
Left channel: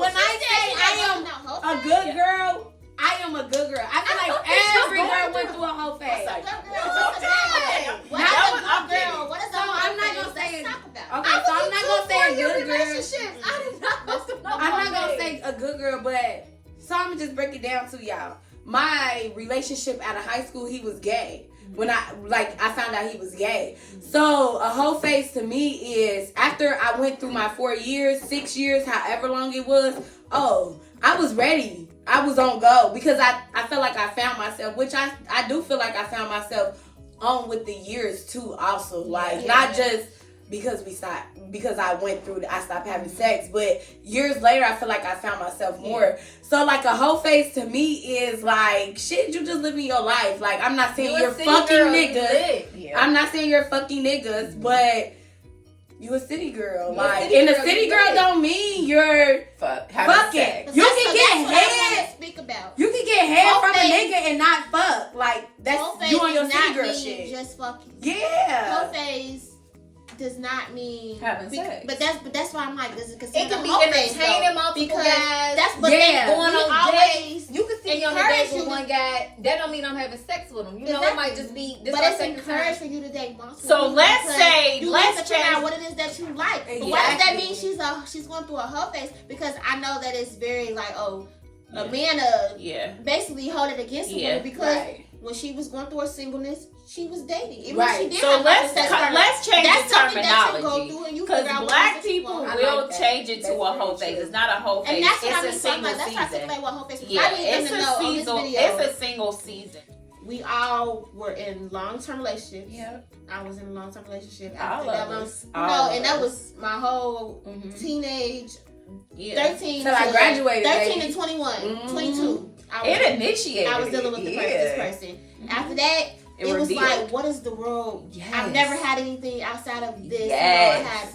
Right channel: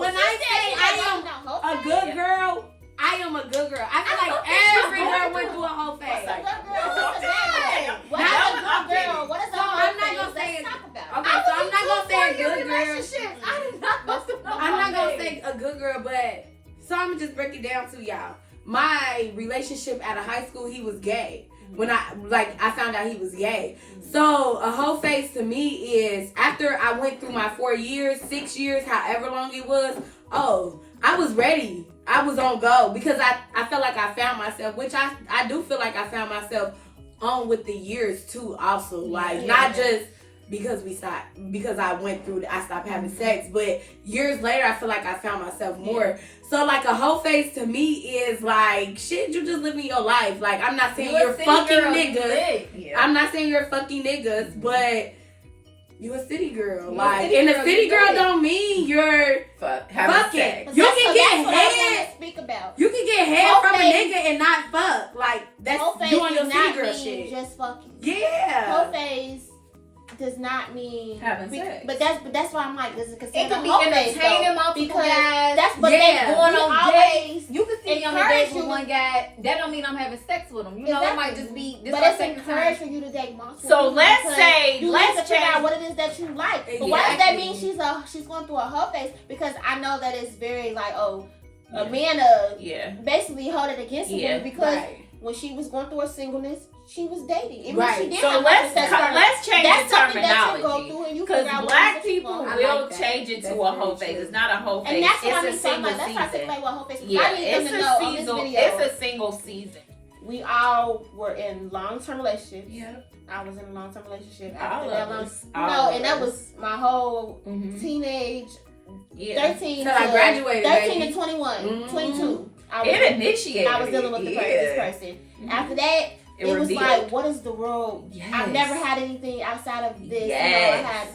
when I say I am am a good girl, I am a good girl. I feel like every girl went through a whole phase. What's a good girl? What's a bad girl? What is That a was good okay. girl? What is a So good I'm not phase? gonna say Let's it. talk about it. Okay, so I'm not gonna say a your good girl. relationship. I did not know I'm not gonna say a good girl, but so I'm gonna just break it down to y'all. My relationship out of high school, he was gay. When I found out he was gay. So a whole phase to me is after I went through my 4 years, 6 years, however long it was. Oh, I was ready. I was on go because I felt like I found myself, which I do feel like I found myself on with the years too. Also, like not just because I stopped having sex. But years later, I feel like I found myself more. So like a whole face to me is like, shit, you just living your life. Like, I'm not saying you're fucking niggas. Yeah. I'm not saying you're fucking niggas, but you a city girl. You a Like, city and girl, a city you girl lit. don't mean you're Having fucking. sex. You That's can what get I want head. to speak about. You can get head Whole from a face- nigga and not fuck. Like, that's Whole face you on your does city not girl mean shit. just fucking. Yeah. Whole face does not mean Having sex. But that's why I'm like, does it consider It could be whole face, entertaining though? multiple Because guys. that's but Yeah. they Going we on always. You can see me on a encourage date with you one guy. That don't mean I'm having sex with him. You know, it might just be this But our it's second encouraged time. for you to date multiple. So people let's because say, you let's need to figure change- out what it is that you like. But why does that mean Exactly. she's going through a whole face? Because I know that it's very like, oh, a Yeah. man Yeah. basically hold it against a Yeah. woman because Right. when she was going through her singleness, she was dating. Even Right. if she did So have let's sex with her. change That's the something that you go terminology. through and you Because figure out what black it is that you people want. I will like that. change it to That's a whole very face. true. It's not a whole face. And that's what I It's mean. a So I'm single like, let's try to season. like what whole face. Yeah, I need them it's to a know on this season. video. It's a single season. We all were in long-term relationships. Yeah. I was in a long-term relationship. All After of that us. was, All of and that us. was my whole Mhm. teenage, Yeah. 13 Till I graduated, 13 baby. to 21, Mhm. 22. It initiated. I was dealing with this person. After that, it was revealed. like, what is the world? Yes. I've never had anything outside of this. Yes. I had,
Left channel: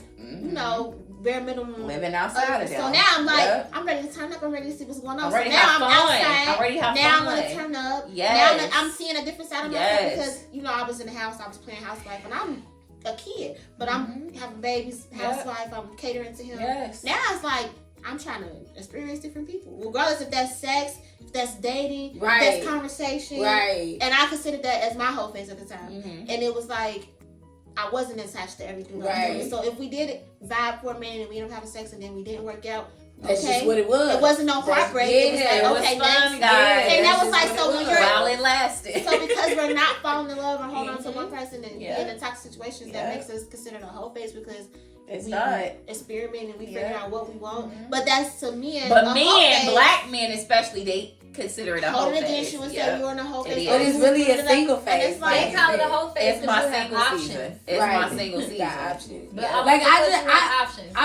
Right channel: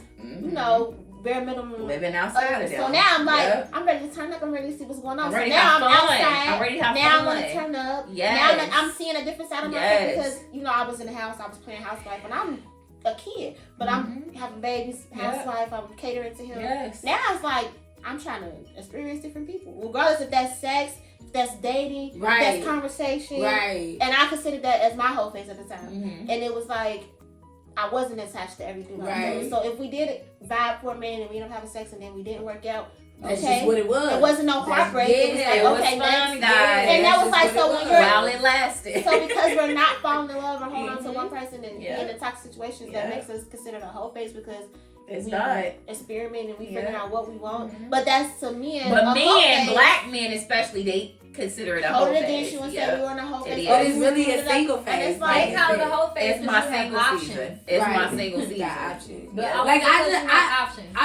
bare minimum. living outside of So them. now I'm like, Yeah. I'm ready to turn up. I'm ready to see what's going on. I'm So ready to now have I'm fun. outside. I'm ready to have Now I'm fun. gonna turn up. Yes. Now I'm seeing a different side of myself Yes. because I was in the house. I was playing housewife, and I'm a kid, but I'm having babies, Yeah. housewife. I'm catering to him. Yes. Now it's like I'm trying to experience different people, regardless if that's sex, if that's dating, if Right. that's conversation. Right. And I considered that as my whole face at the time. Mhm. And it was like I wasn't attached to everything. Right. So if we did vibe for a minute and we ended up having sex and then we didn't work out, That's okay. just what it was. It wasn't no heartbreak. It was Yeah, like, It was okay, fun, next. guys. And that That's was like, just so what when it you're, was. While it lasted. so because we're not falling in love or holding on to Mhm. one person and Yeah. being in toxic situations, Yeah. that makes us consider the whole face because It's we not. experiment and we Yeah. figure out what we want. Mhm. But that's to men. But a whole men, face, black men especially, they consider it a whole hold it face. against you and say Yeah. you're in a whole It face. is. Oh, it's really a single And face. it's like, They call it a whole face It's because my you have single options. season. It's my Right. single Got season. options. But Yeah. Like, I because just- you have options.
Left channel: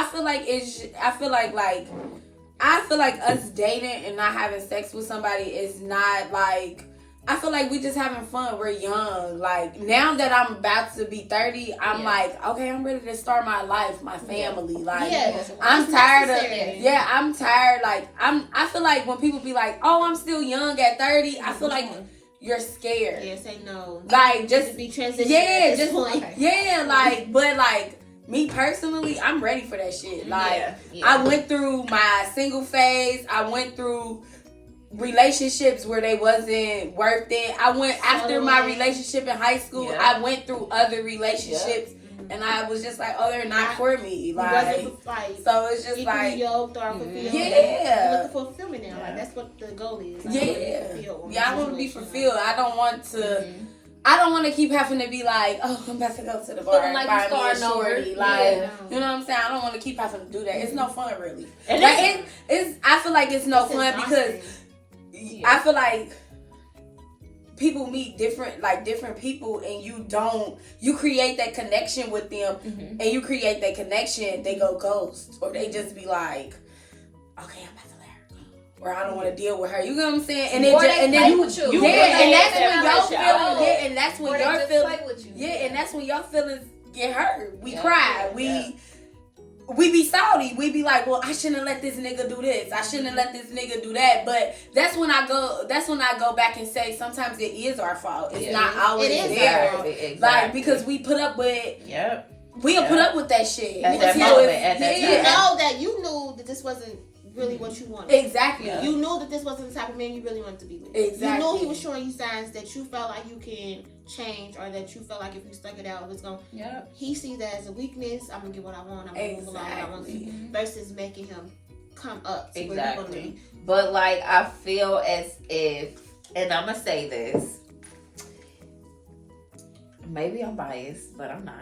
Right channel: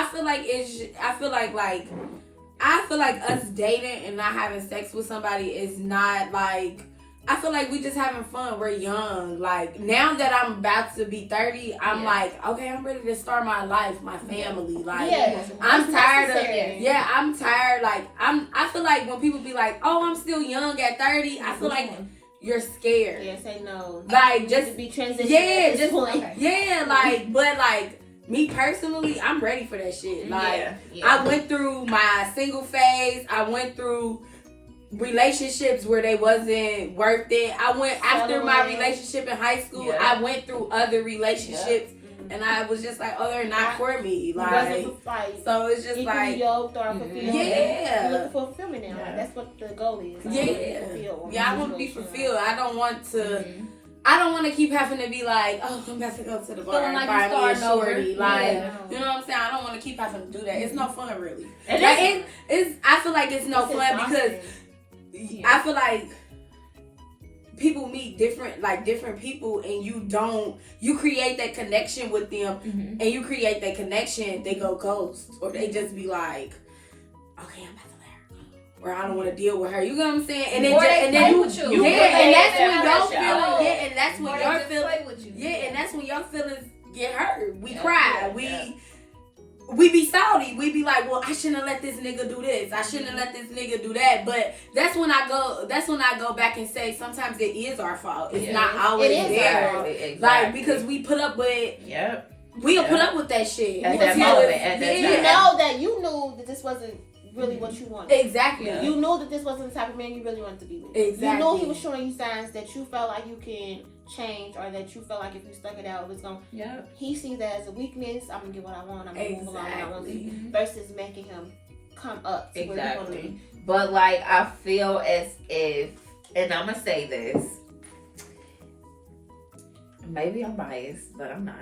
I feel like us dating and not having sex with somebody is not like. I feel like we just having fun. We're young. Like now that I'm about to be 30, I'm Yeah. like, okay, I'm ready to start my life, my family. Like yeah, I'm that's tired necessary. of I'm tired. Like I feel like when people be like, oh, I'm still young at 30, I feel like you're scared. Yeah, say no. Like Just just be transitioning. yeah, at this just point. Okay. yeah, like but like me personally, I'm ready for that shit. Like Yeah. I went through my single phase. I went through relationships where they wasn't worth it. I went after my Settling. relationship in high school. Yeah. I went through other relationships, and I was just like, oh, they're not for me. It Like, wasn't like so it's just equally like, yoked or fulfilled. Yeah. You're looking for fulfillment now. Yeah. Like that's what the goal is. Like, yeah, fulfilled. yeah. I want to be fulfilled. I don't want to. Mhm. I don't want to keep having to be like, oh, I'm about to go to the bar Feeling and like you buy me a starting over. shorty. Like, Yeah. you know what I'm saying? I don't want to keep having to do that. It's no fun, really. And Like, it's- it's. I feel like it's no It's fun because exhausting. I feel like people meet different people, and you create that connection with them, Mhm. and you create that connection. They go ghost, or they just be like, okay, I'm about to let her go, or I don't want to deal with her. You know what I'm saying? And Or then they and play then with you. you yeah, play and that's with when them, y'all that's feeling, y'all. yeah, and that's Or when they y'all just feeling, play with you. yeah, and that's when y'all feelings get hurt. We Yeah, cry. yeah. We be salty. We be like, well, I shouldn't have let this nigga do this. I shouldn't have let this nigga do that. But that's when I go back and say sometimes it is our fault. It's Yeah. not always It is their our fault. Exactly. Exactly. Like because we put up with Yep. we'll Yeah. put up with that shit. At Because that moment, at that You time. know that you knew that this wasn't really what you wanted. Exactly. Yeah. You knew that this wasn't the type of man you really wanted to be with. Exactly. You knew he was showing you signs that you felt like you can change, or that you felt like if you stuck it out, it was going. Yep. He sees that as a weakness. I'm gonna get what I want. I'm gonna move along when I want to. Exactly. Versus making him come up to where he want to be. But like I feel as if, and I'm gonna say this, maybe I'm biased, but I'm not.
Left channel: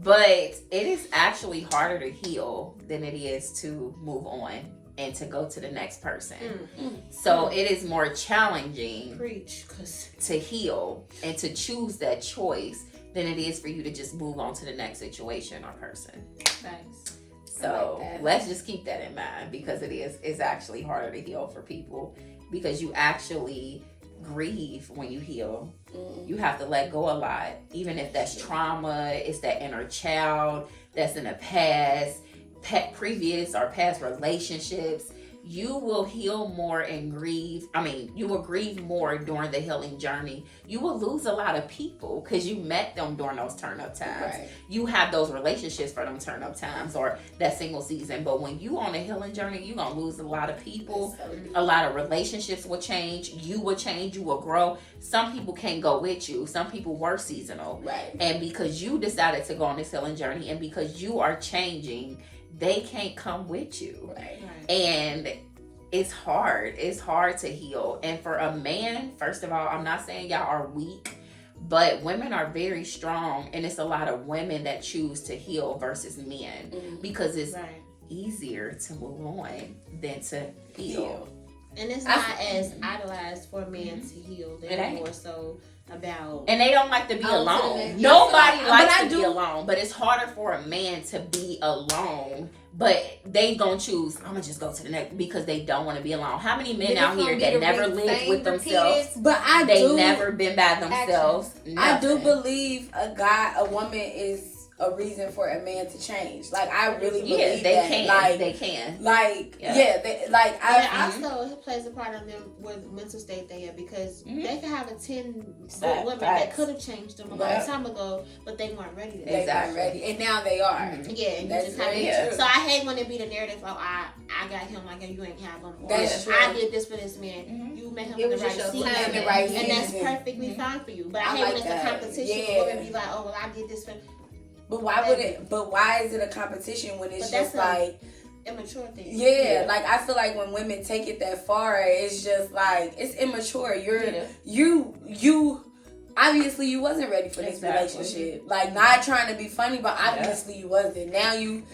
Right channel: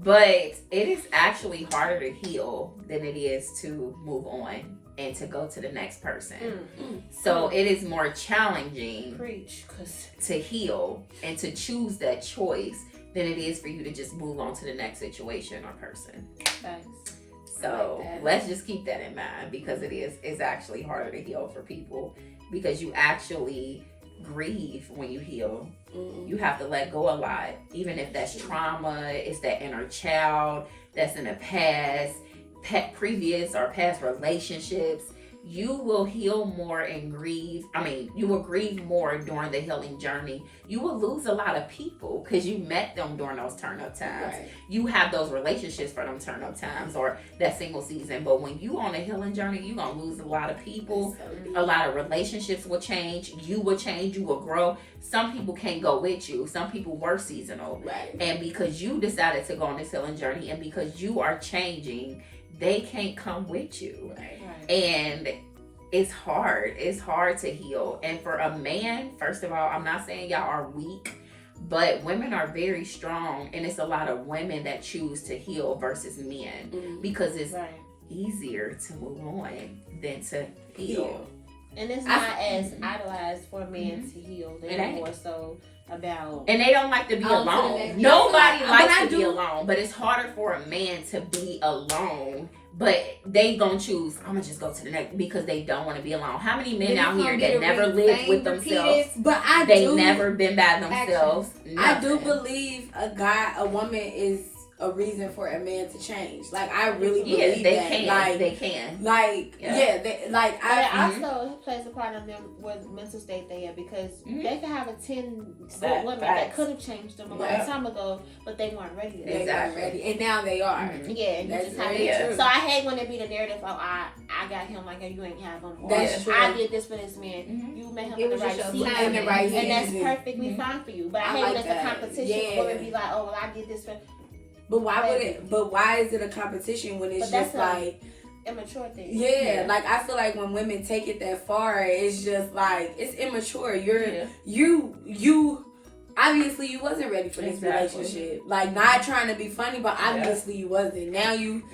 But it is actually harder to heal than it is to move on and to go to the next person. So it is more challenging Preach, cause to heal and to choose that choice than it is for you to just move on to the next situation or person. Facts. So like that. let's just keep that in mind, because it's actually harder to heal for people, because you actually grieve when you heal. You have to let go a lot, even if that's trauma, it's that inner child that's in the past, previous or past relationships. You will heal more and grieve. You will grieve more during the healing journey. You will lose a lot of people because you met them during those turn up times. Right. You have those relationships for them turn up times or that single season. But when you on a healing journey, you're going to lose a lot of people. A lot of relationships will change. You will change. You will grow. Some people can't go with you. Some people were seasonal. Right. And because you decided to go on this healing journey and because you are changing, they can't come with you. Right. And it's hard. It's hard to heal. And for a man, first of all, I'm not saying y'all are weak, but women are very strong. And it's a lot of women that choose to heal versus men because it's easier to move on than to heal. And it's not as idolized for a man to heal. They're more so about... And they don't like to be alone. Nobody likes to be alone. But it's harder for a man to be alone. But they gonna choose, I'm gonna just go to the next, because they don't want to be alone. How many men out here that never lived with themselves? But they never been by themselves. I do believe a woman is a reason for a man to change. Like, I really believe they that. Can. Like, they can. Like, also it plays a part on them what mental state they are, because they could have a 10 women that could have changed them a long time ago, but they weren't ready. They weren't ready, and now they are. Yeah, and you just have to. So I hate when it be the narrative of I got him, like you ain't have him. Or I did this for this man. You met him in the right season, and that's perfectly fine for you. But I hate when it's a competition. Women be like, oh well, I did this for. But why is it a competition when it's just like immature thing? Yeah, like I feel like when women take it that far, it's just like it's immature. You obviously you wasn't ready for this relationship. Like, not trying to be funny, but obviously you wasn't. Now you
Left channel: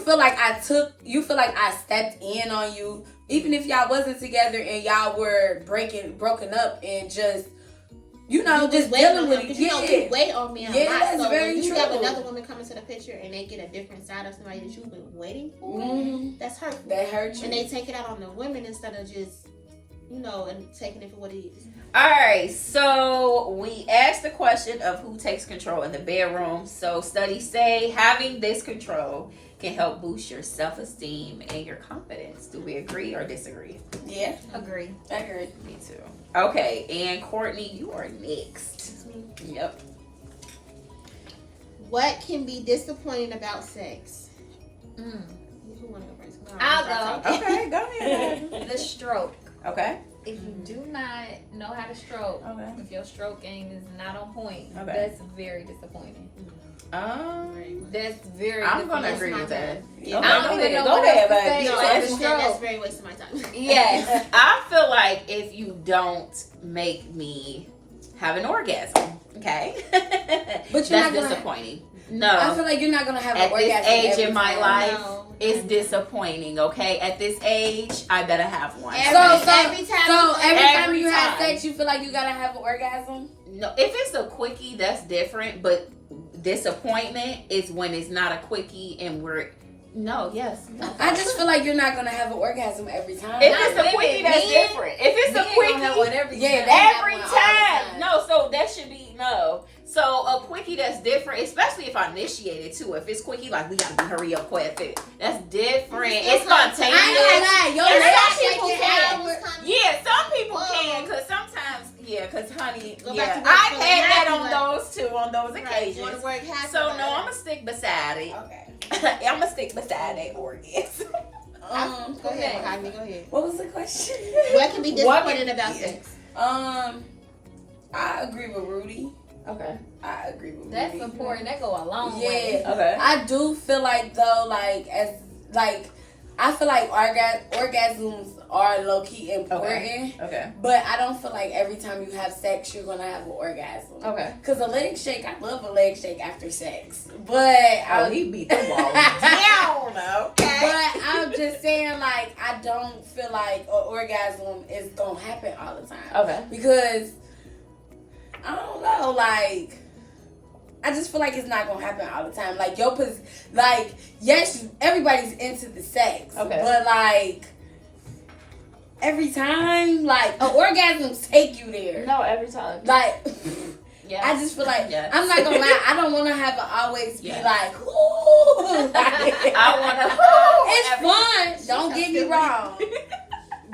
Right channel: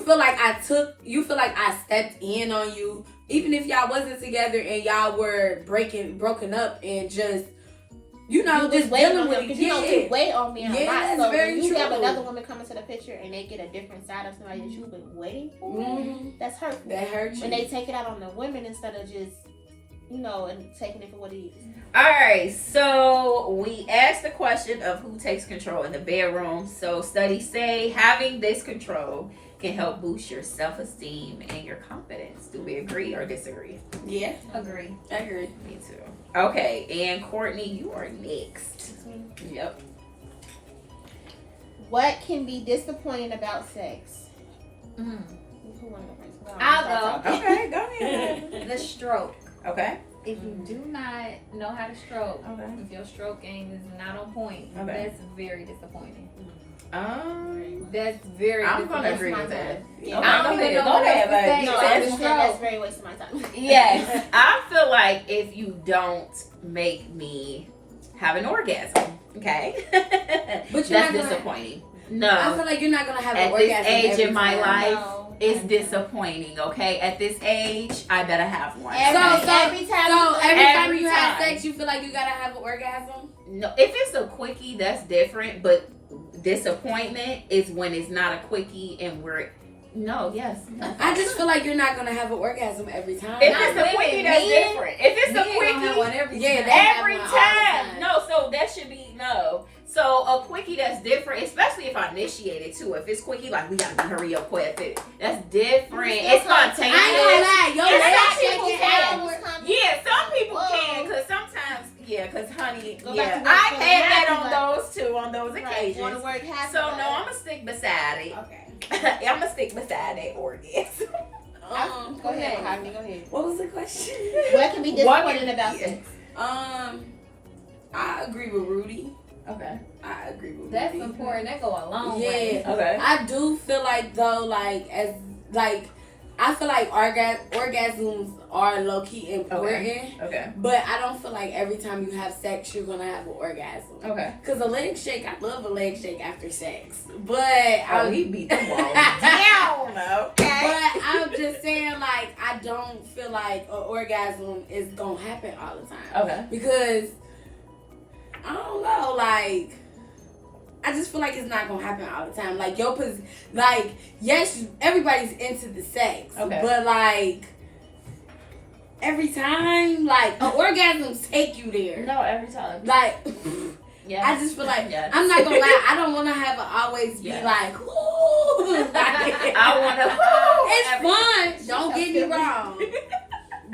feel like I stepped in on you, even if y'all wasn't together and y'all were broken up and just. Just waiting on him, because you wait on me a lot. So when you have another woman come into the picture and they get a different side of somebody that you've been waiting for, that's hurtful. That hurts you. And they take it out on the women instead of just, and taking it for what it is. All right, so we asked the question of who takes control in the bedroom. So studies say having this control can help boost your self-esteem and your confidence. Do we agree or disagree? Yeah. Agree. Me too. Okay, and Courtney, you are next. Yep. What can be disappointing about sex? Who want to go first? I'll go. Okay, go ahead. The stroke. Okay. If you do not know how to stroke, if your stroke game is not on point, that's very disappointing. That's very. I'm gonna agree with that. Yeah. I don't even know what else to say. That's very wasting my time. Yes, I feel like if you don't make me have an orgasm, okay, but that's disappointing. No, I feel like you're not gonna have an orgasm at this age in my life. No. It's disappointing, okay? At this age, I better have one. Every time you have sex, you feel like you gotta have an orgasm? No, if it's a quickie, that's different. But disappointment is when it's not a quickie and we're I just feel like you're not gonna have an orgasm every time. If it's a quickie, that's different. If it's a quickie, have one every time. Every time. No, so that should be no. So a quickie, that's different, especially if I initiate it too. If it's quickie, like we gotta hurry up quick. That's different. It's spontaneous. Some people can, because sometimes, because honey, I've had that on those too, on those occasions. So no, I'm gonna stick beside it. Okay. I'm gonna stick beside that orgasm. Go ahead, Jaime. Go ahead. What was the question? What can be disappointing about sex? I agree with Rudy. Okay. I agree with That's Rudy. important. That go a long way. Okay. I do feel like though, I feel like orgasms are low key important. Okay. But I don't feel like every time you have sex you're gonna have an orgasm. Okay. Cause a leg shake, I love a leg shake after sex. But we beat the wall down. Okay. But I'm just saying, like, I don't feel like an orgasm is gonna happen all the time. Okay. Because I don't know, like, I just feel like it's not gonna happen all the time. Like like yes, everybody's into the sex, Okay. but like every time, like orgasms take you there. No, every time. Like Yes. I just feel like Yes. I'm not gonna lie. I don't want to have it always be Yes. like, ooh. I want to. It's fun. Don't get me wrong.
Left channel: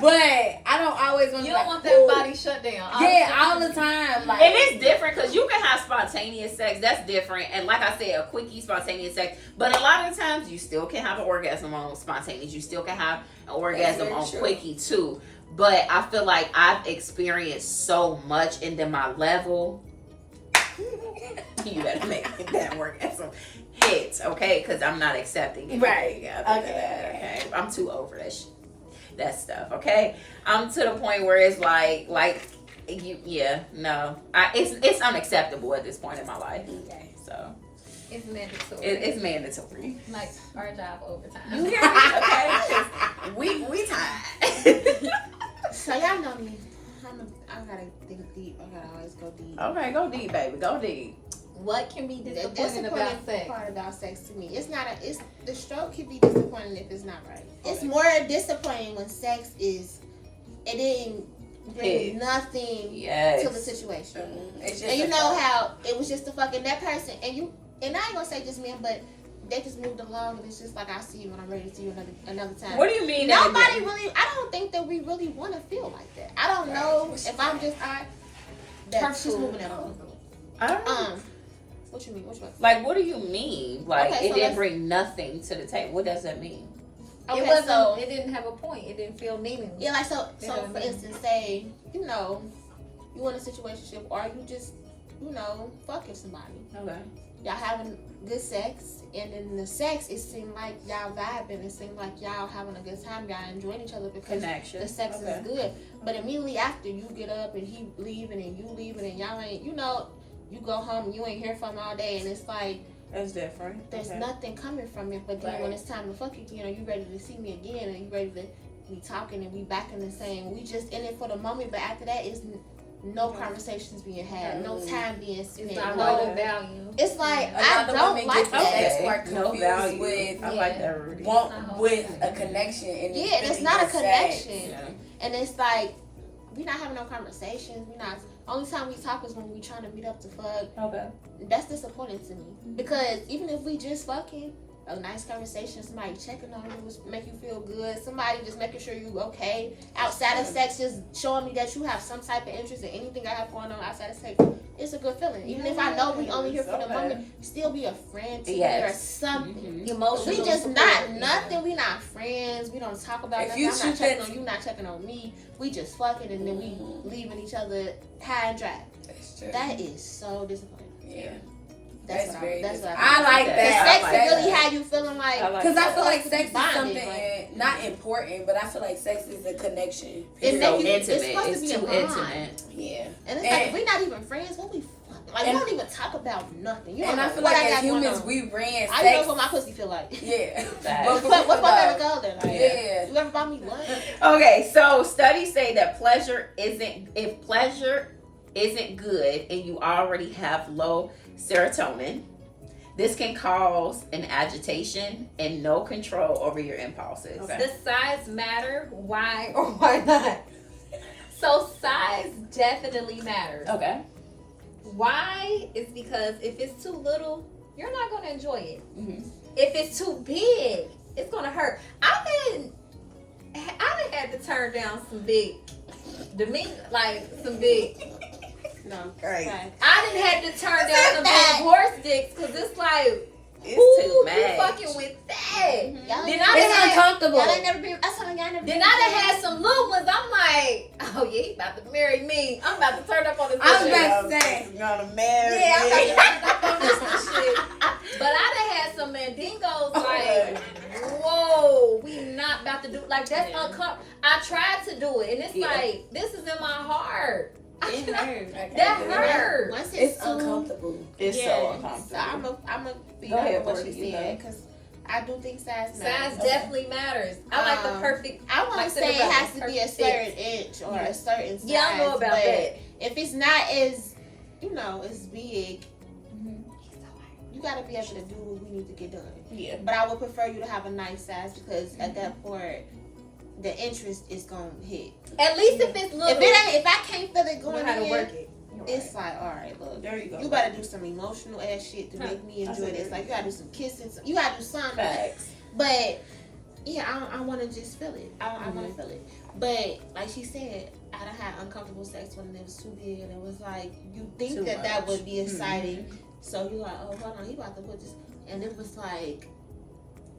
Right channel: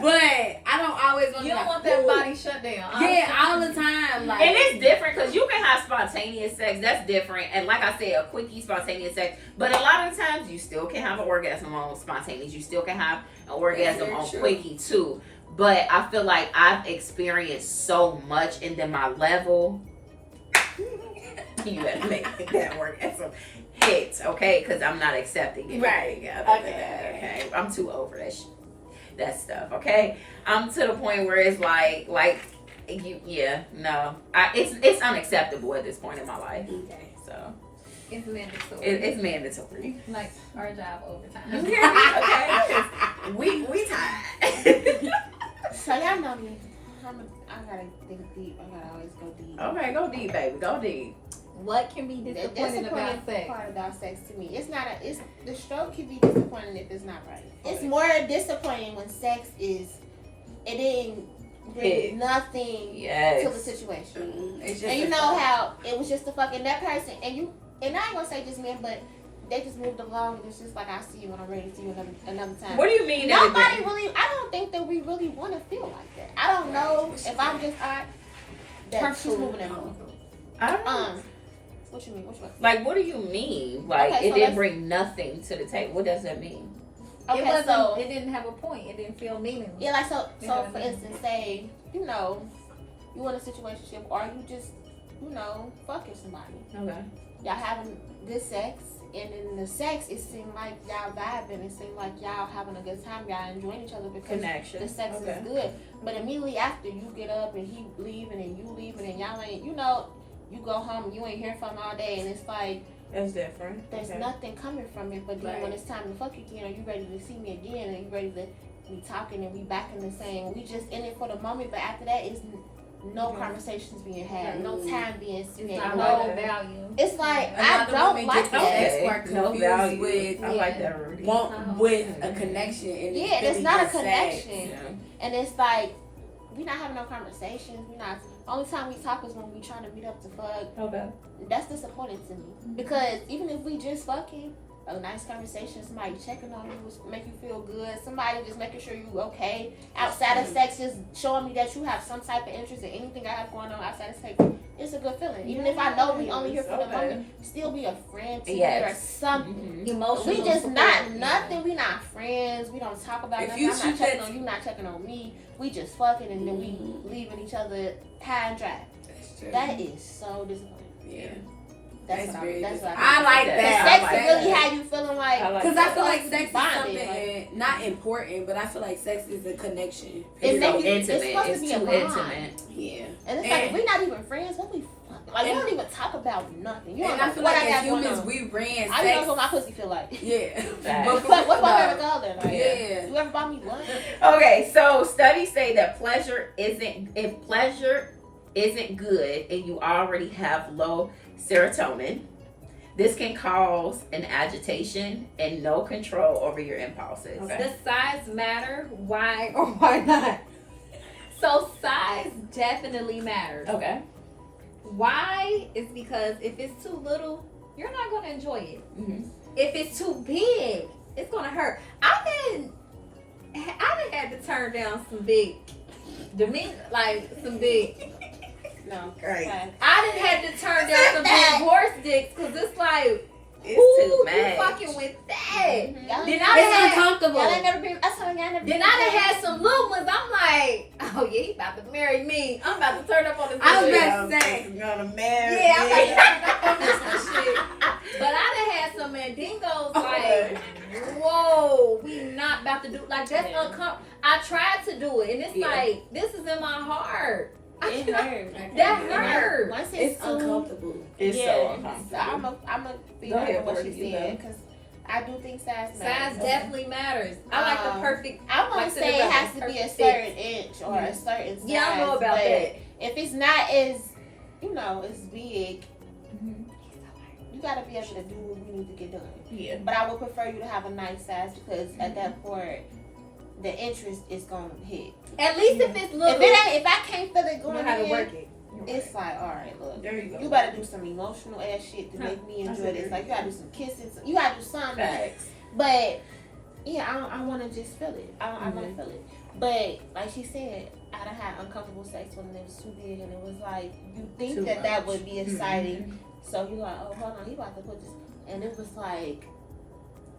But I don't always want. You don't want that body shut down. All the time. Like, And it's different because you can have spontaneous sex. That's different. And like I said, a quickie spontaneous sex. But a lot of the times, you still can have an orgasm on spontaneous. You still can have an orgasm on true. quickie too. But I feel like I've experienced so much, and then my level. You better make that orgasm hit, okay? Because I'm not accepting it. Right. Okay. I'm too over that stuff. Okay. I'm to the point where it's like it's unacceptable at this point in my life. Okay. So It's mandatory. it's mandatory. Like our job overtime. Okay. We tired. So y'all know me. I gotta think deep. I gotta always go deep. Okay, go deep, baby. Go deep. What can be The disappointing about disappointing sex? part about sex to me, it's the stroke can be disappointing if it's not right. It's more disappointing when sex it didn't bring Yeah. nothing Yes. to the situation. It's just And you a know fact. how it was just the fucking that person, and I ain't gonna say just men, but they just moved along, and it's just like I see you when I'm ready to see you another time. What do you mean? Nobody really. I don't think that we really want to feel like that. I don't know if I'm just that she's moving along. I don't know. What you mean? Which one? Like, what do you mean? Like, Okay, it so didn't let's- bring nothing to the table. What does that mean? Okay, It wasn't. so It didn't have a point. It didn't feel meaningless. yeah, like so. You know So what I for mean? instance, say you in a situationship, or you just fucking somebody. Okay. Y'all having good sex, and in the sex, it seemed like y'all vibing. It seemed like y'all having a good time. Y'all enjoying each other because Connection. the sex is good. But immediately after, you get up and he leaving and you leaving and y'all ain't. You go home and you ain't hear from him all day, and it's like That's different. there's Okay. nothing coming from it. But then Right. when it's time to fuck again, are you ready to see me again? And you ready to be talking and we back in the same? We just in it for the moment, but after that, it's no conversations being had, no time being It's spent. not No, no value. it's like A lot I of don't women like get that. sex Okay. work No confused value. with I like that, Rudy. want with a connection. And it's Yeah, there's really not a just sex. connection. Yeah. And it's like we not having no conversations. We not. Only time we talk is when we trying to meet up to fuck. Okay. That's disappointing to me because even if we just fucking a nice conversation, somebody checking on you, make you feel good, somebody just making sure you okay outside of sex, just showing me that you have some type of interest in anything I have going on outside of sex, it's a good feeling. Even if I know we only here for the Okay. moment, still be a friend to Yes. me or something. Mhm. Emotional. We just support. not nothing. We not friends. We don't talk about If nothing. you I'm not shoot checking that- on you. Not checking on me. We just fucking and then we leaving each other high and dry. That's true. That is so disappointing. Yeah. That's what very that's what good. I I like that. The that. sex I like is really that. how you feeling like. I like Because I that. feel like sex is Bonded, something not important, but I feel like sex is a connection. It It's make so you- it's intimate. supposed to It's be a too bond. intimate. Yeah. And it's like if we not even friends, what we fucking like? We don't even talk about nothing. You don't And know I feel what like I got as going humans, on. we ran I sex. know what my pussy feel like. Yeah. Facts. What's my favorite color? Like, Yeah. you ever bought me lunch? Okay, so studies say that pleasure isn't good and you already have low serotonin, this can cause an agitation and no control over your impulses. Does size matter? Why or why not? So size definitely matters. Okay. Why? Is because if it's too little, you're not gonna enjoy it. Mm-hmm. If it's too big, it's gonna hurt. I done had to turn down some big, some big. No. Right. Fine. I done had to turn down some big horse dicks because it's like, It's who too you much. fucking with that? Y'all Then ain't- I done It's had, uncomfortable. Y'all ain't never been. I told y'all never. then I done had some little ones. I'm like, oh yeah, he about to marry me. I'm about to turn up on this. I was shit. about to say. Gonna marry. Yeah, I'm about to turn up on this shit. But I done had some mandingos like, whoa, we not about to do that's uncomfortable. I tried to do it, and it's like this is in my heart. It hurt. That hurt. Once It's too, uncomfortable. It's so yeah, uncomfortable. I'm a be Go honest ahead, with what Portia, she you said go. because I do think size Size matters. definitely matters. I like the perfect. I won't like say it Cinderella, has to be a perfect fit. certain inch or a certain size. Yeah, I know about but that. if it's not as as big, you gotta be able to do what we need to get done. Yeah. But I would prefer you to have a nice size because at that point, the interest is gonna hit. At least if it's little. If I can't feel it you going know how to in, work it. it's like, all right, look, There you go. you better do some emotional ass shit to make me enjoy this. Like you gotta do some kisses, you gotta do something. Facts. But yeah, I want to just feel it. I want to feel it. But like she said, I done had uncomfortable sex when it was too big, and it was like you think Too that much. would be exciting. So you're like, oh, hold on, he about to put this, and it was like,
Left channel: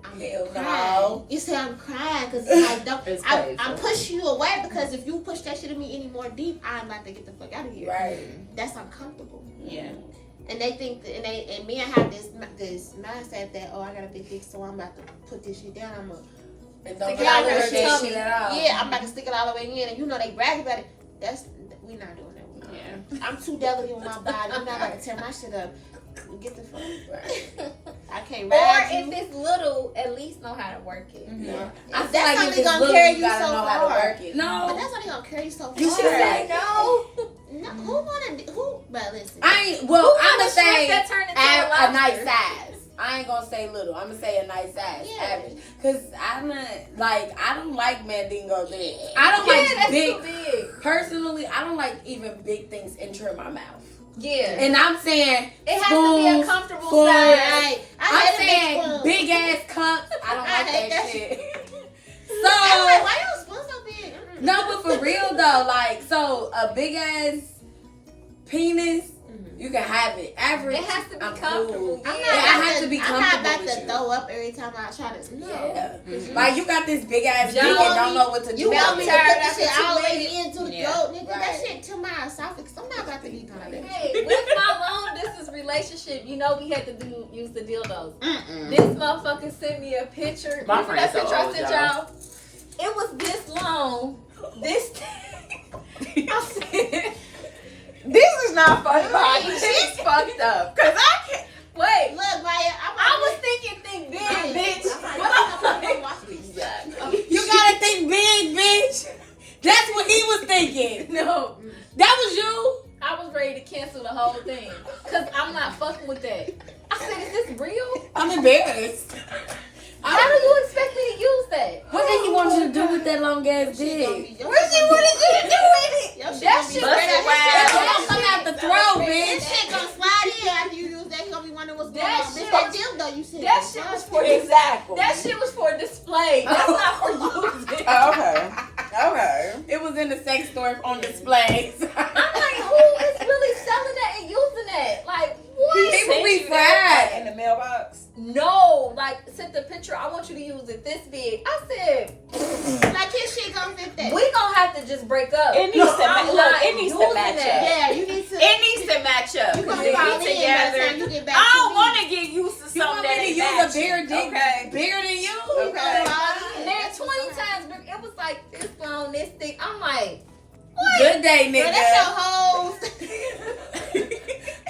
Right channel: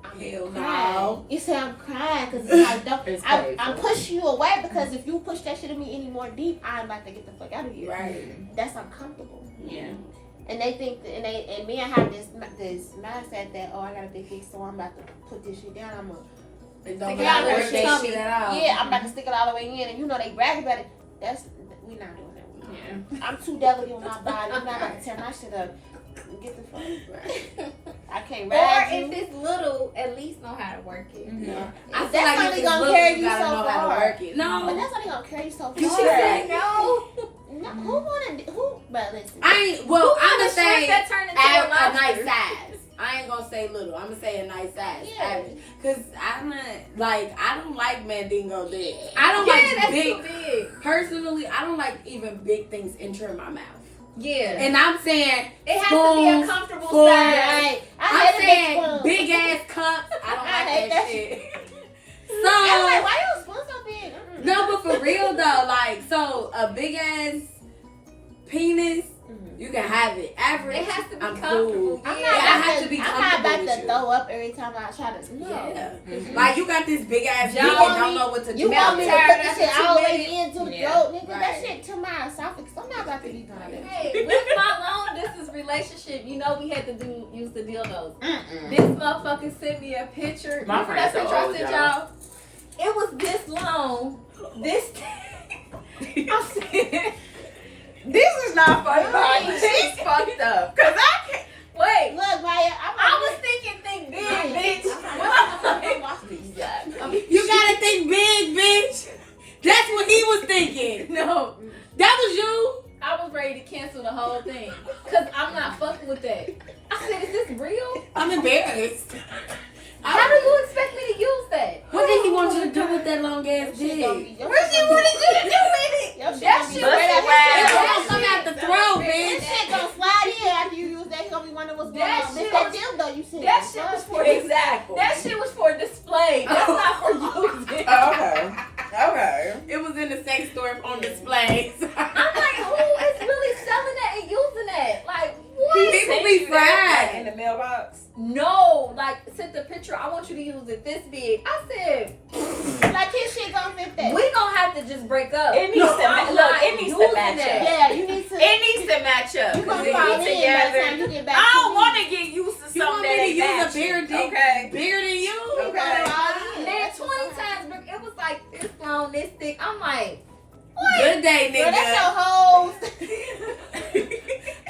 I'm Hell crying. no. You say I'm crying because it's like, don't. It's I'm painful. pushing you away because if you push that shit at me any more deep, I'm about to get the fuck out of here. Right. That's uncomfortable. Yeah. And they think, and me, I have this mindset that, oh, I got a big dick, so I'm about to put this shit down. I'm gonna And don't Stick it get out out her there tummy. chasing it out. Yeah, I'm about to stick it all the way in, and you know they brag about it. We not doing that. Yeah. I'm too delicate with my body. I'm not about to tear my shit up. Get the fuck. Right. I can't Or ride if you. it's little, at least know how to work it. No. I feel That's like only if it's gonna little, carry you gotta so know how to far. work it. But No, that's only gonna carry you so far. You should say no. No, who wanna? Who? But listen. I ain't. Who Well, I'm want gonna a shrimp say that turned into a a lobster? nice size. I ain't gonna say little. I'm gonna say a nice size, Yeah. average. Cause I'm not like I don't like mandingo big. I don't Yeah, like that's big. too big. Personally, I don't like even big things entering my mouth. Yeah. And I'm saying It has to be a spoons, comfortable forks. size. I I'm hate a saying spoon. big ass cups. I don't I like hate that that shit. I'm like, So why your spoon so big? Mm-mm. no, but for real though, like so a big ass penis, Mhm. you can have it. Average. It has to be I'm comfortable. cool. I'm Yeah. not Yeah, I about have to, to be I'm not comfortable about with to you. throw up every time I try to. No. Yeah. Mhm. Like you got this big ass You dick want and don't me- know what to You do. want me to tired put this after shit 2 all the way minutes. into the Yeah. throat, nigga? That Right. shit to my esophagus. I'm not about to be doing that. Hey, with my long distance relationship, you know we had to use the dildos. Mm-mm. This motherfucker sent me a picture. My Remember that friend's so picture I old, sent y'all. y'all? It was this long. This I said, This is not funny. Right. She's fucked up. Cause I can't. wait. Look, Maya, I was thinking think big, bitch. I'm gonna watch these. You gotta think big, bitch. That's what he was thinking. No. That was you. I was ready to cancel the whole thing. Cause I'm not fucking with that. I said, is this real? I'm embarrassed. How do you expect me to use that? What did he want you to do with that long ass dick? What she wanted you to do with it? That shit Bust it wide. That's come out the throat, This bitch. shit gonna slide in after you use that. You gonna be wondering what's going That on. shit Bitch, that dildo you said. That shit was for Exactly. That shit was for display. That's not for using. Oh, okay. Okay. It was in the sex store on display. I'm like, who is really selling that and using that? Like, what? He Sent be you that, fried. in the mailbox. No, like, sent the picture. I want you to use it this big. I said, Like his shit gonna fit that. we gonna have to just break up. It needs to I'm look. not It needs to using match that. up. Yeah, you need to. It needs to match up. You 'cause gonna they fall be in by the time together. you get back. I don't to want to get used to You something want that me to ain't use a matching. bigger dick Okay. bigger than you? You Okay. gonna fall in. Man, 20 times big. It was like this long, this thick. I'm like, Good day, Girl, nigga. that's your whole.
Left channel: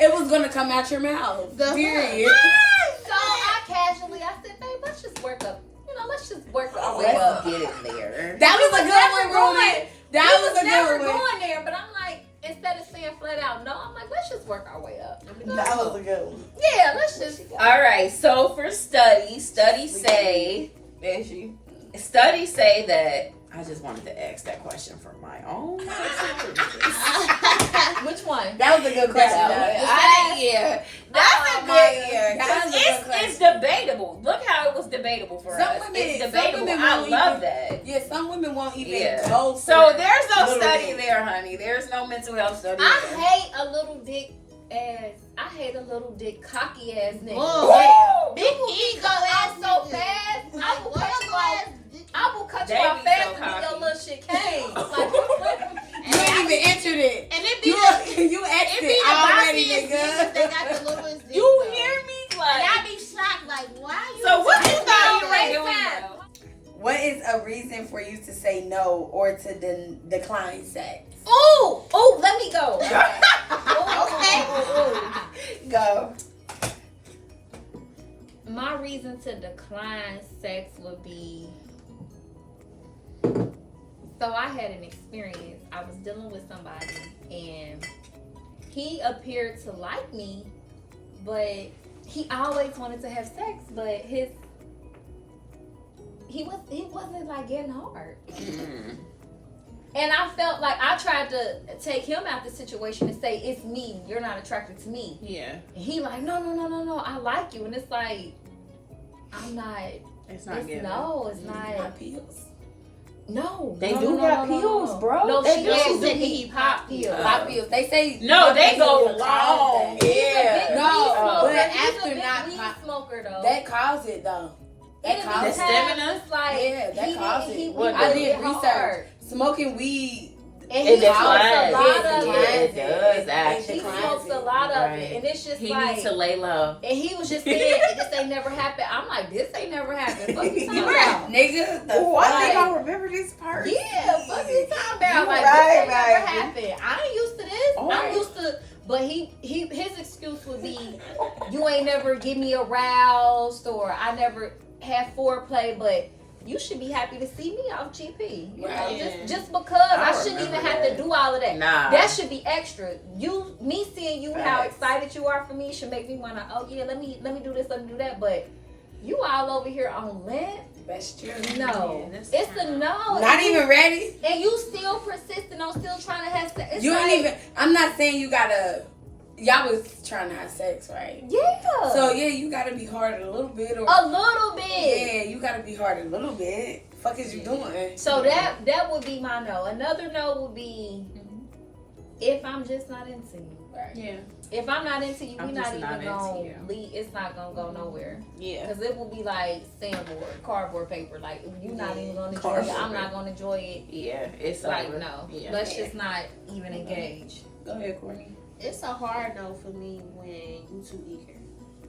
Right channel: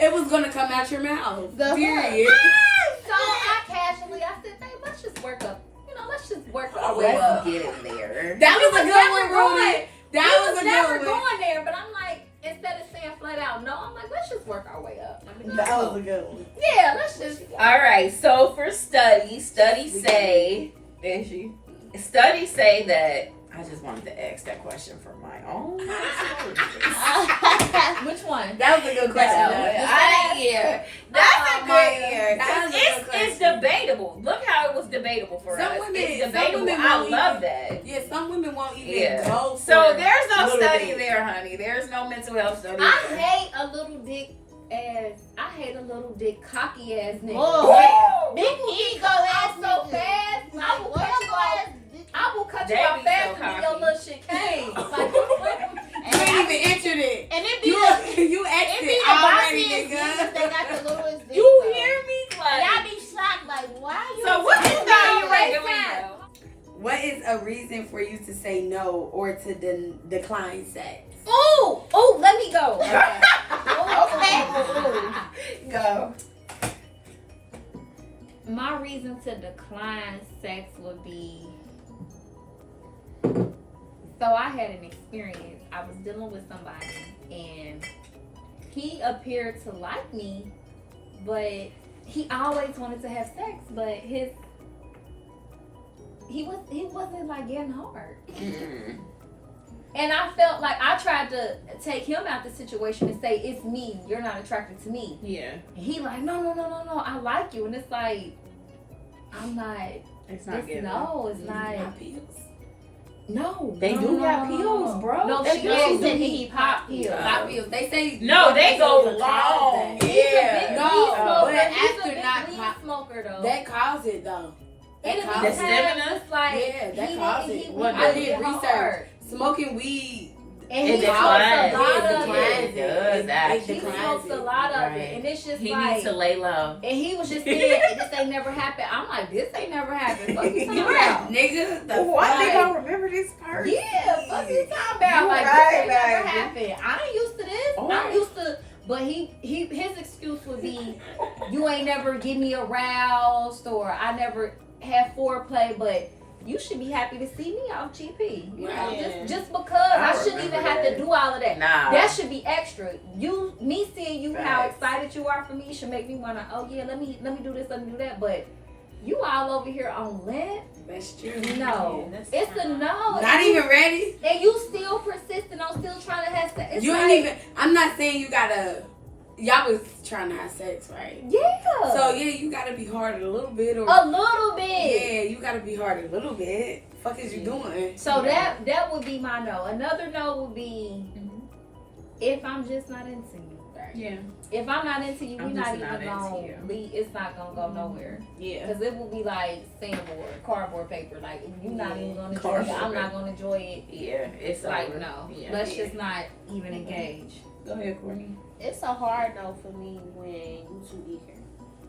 It was gonna come out your mouth. The Period. so I casually, I said, babe, let's just work up. You know, let's just work our way up. Let's get it there. That We was was a never good one, Rudy. going. That We was was a never good one. going there, but I'm like, instead of saying flat out no, I'm like, let's just work our way up. That was a good one. Yeah, let's just. All right. So for studies say, studies say that. I just wanted to ask that question for my own. Which one? That was a good question. Yeah, that's a good year. That was a good It's question. debatable. Look how it was debatable for Some us. women- It's some debatable. women I won't love even- that. Yeah, some women won't even Yeah. go So for there's no little study dick. there, honey. There's no mental health study. I there. hate a little dick ass. I hate a little dick cocky ass nigga. Whoa. Like, Big ego ass so nigga. fast. I will Like, cut you off. I will cut you They off be fast so when your cocky. little shit came. Like, You ain't even entered it. And it be You the you it asked be it the already, bossiest nigga. niggas that got the littlest dick. You though. hear me? And Like, I be shocked, like, why you? so what is doing that? that? Here we go. What is a reason for you to say no or to decline sex? ooh, ooh, let me go. Okay. Go. My reason to decline sex would be, so I had an experience. I was dealing with somebody and he appeared to like me, but he always wanted to have sex, but he wasn't like getting hard. And I felt like I tried to take him out the situation and say, it's me, you're not attracted to me. Yeah. And he like, no, I like you. And it's like, I'm not, It's not good. it's not. No. They no, do no, got no, no, pills, no. bro. No, They she do. asked They if do. he pop pills. Pop pills. They say No, they go cause long. that. He's a big No, weed smoker. but He's after a big not weed pop- smoker though. That caused it though. And That in caused this The it. time, stamina? it's like Yeah, that he caused didn't. it. He Well, was I did getting research. hard. Smoking weed. And It he smokes a declines. lot of It it. does, It actually. He declines smokes a it. lot of Right. it, and it's just He like. needs to lay low. And he was just saying, this ain't never happened. I'm like, this ain't never happened. Fuck you talking about? Nigga. the Oh, I think Like- I remember this part. Yeah, fuck you talking about? You Like, right, this ain't never baby. happened. I ain't used to this. Oh. I'm used to, but his excuse would be, you ain't never get me aroused, or I never had foreplay, but you should be happy to see me off GP. You know, Yeah. just because I shouldn't remember even have that. to do all of that. Nah. That should be extra. Me seeing you how Facts. excited you are for me should make me wanna. Oh yeah, let me do this, let me do that. But you all over here on lint? That's true. No, Yeah, that's it's a fine. no. Not even ready. And you still persistent on still trying to have sex. It's You like, ain't even. I'm not saying you gotta. Y'all was trying to have sex, right? Yeah. So yeah, you gotta be hard a little bit, or a little bit. yeah, you gotta be hard a little bit. Fuck is you doing? So that would be my no. Another no would be if I'm just not into you. Yeah. If I'm not into you, I'm we not just even not into gonna you. leave. It's not gonna go nowhere. Yeah. Because it will be like sandboard, cardboard paper. Like you're not even gonna enjoy Cardboard it. I'm not paper. gonna enjoy it. Yeah. It's Like over. no, Yeah. let's just not even engage. Go ahead, Courtney. It's a hard no for me when you too eager.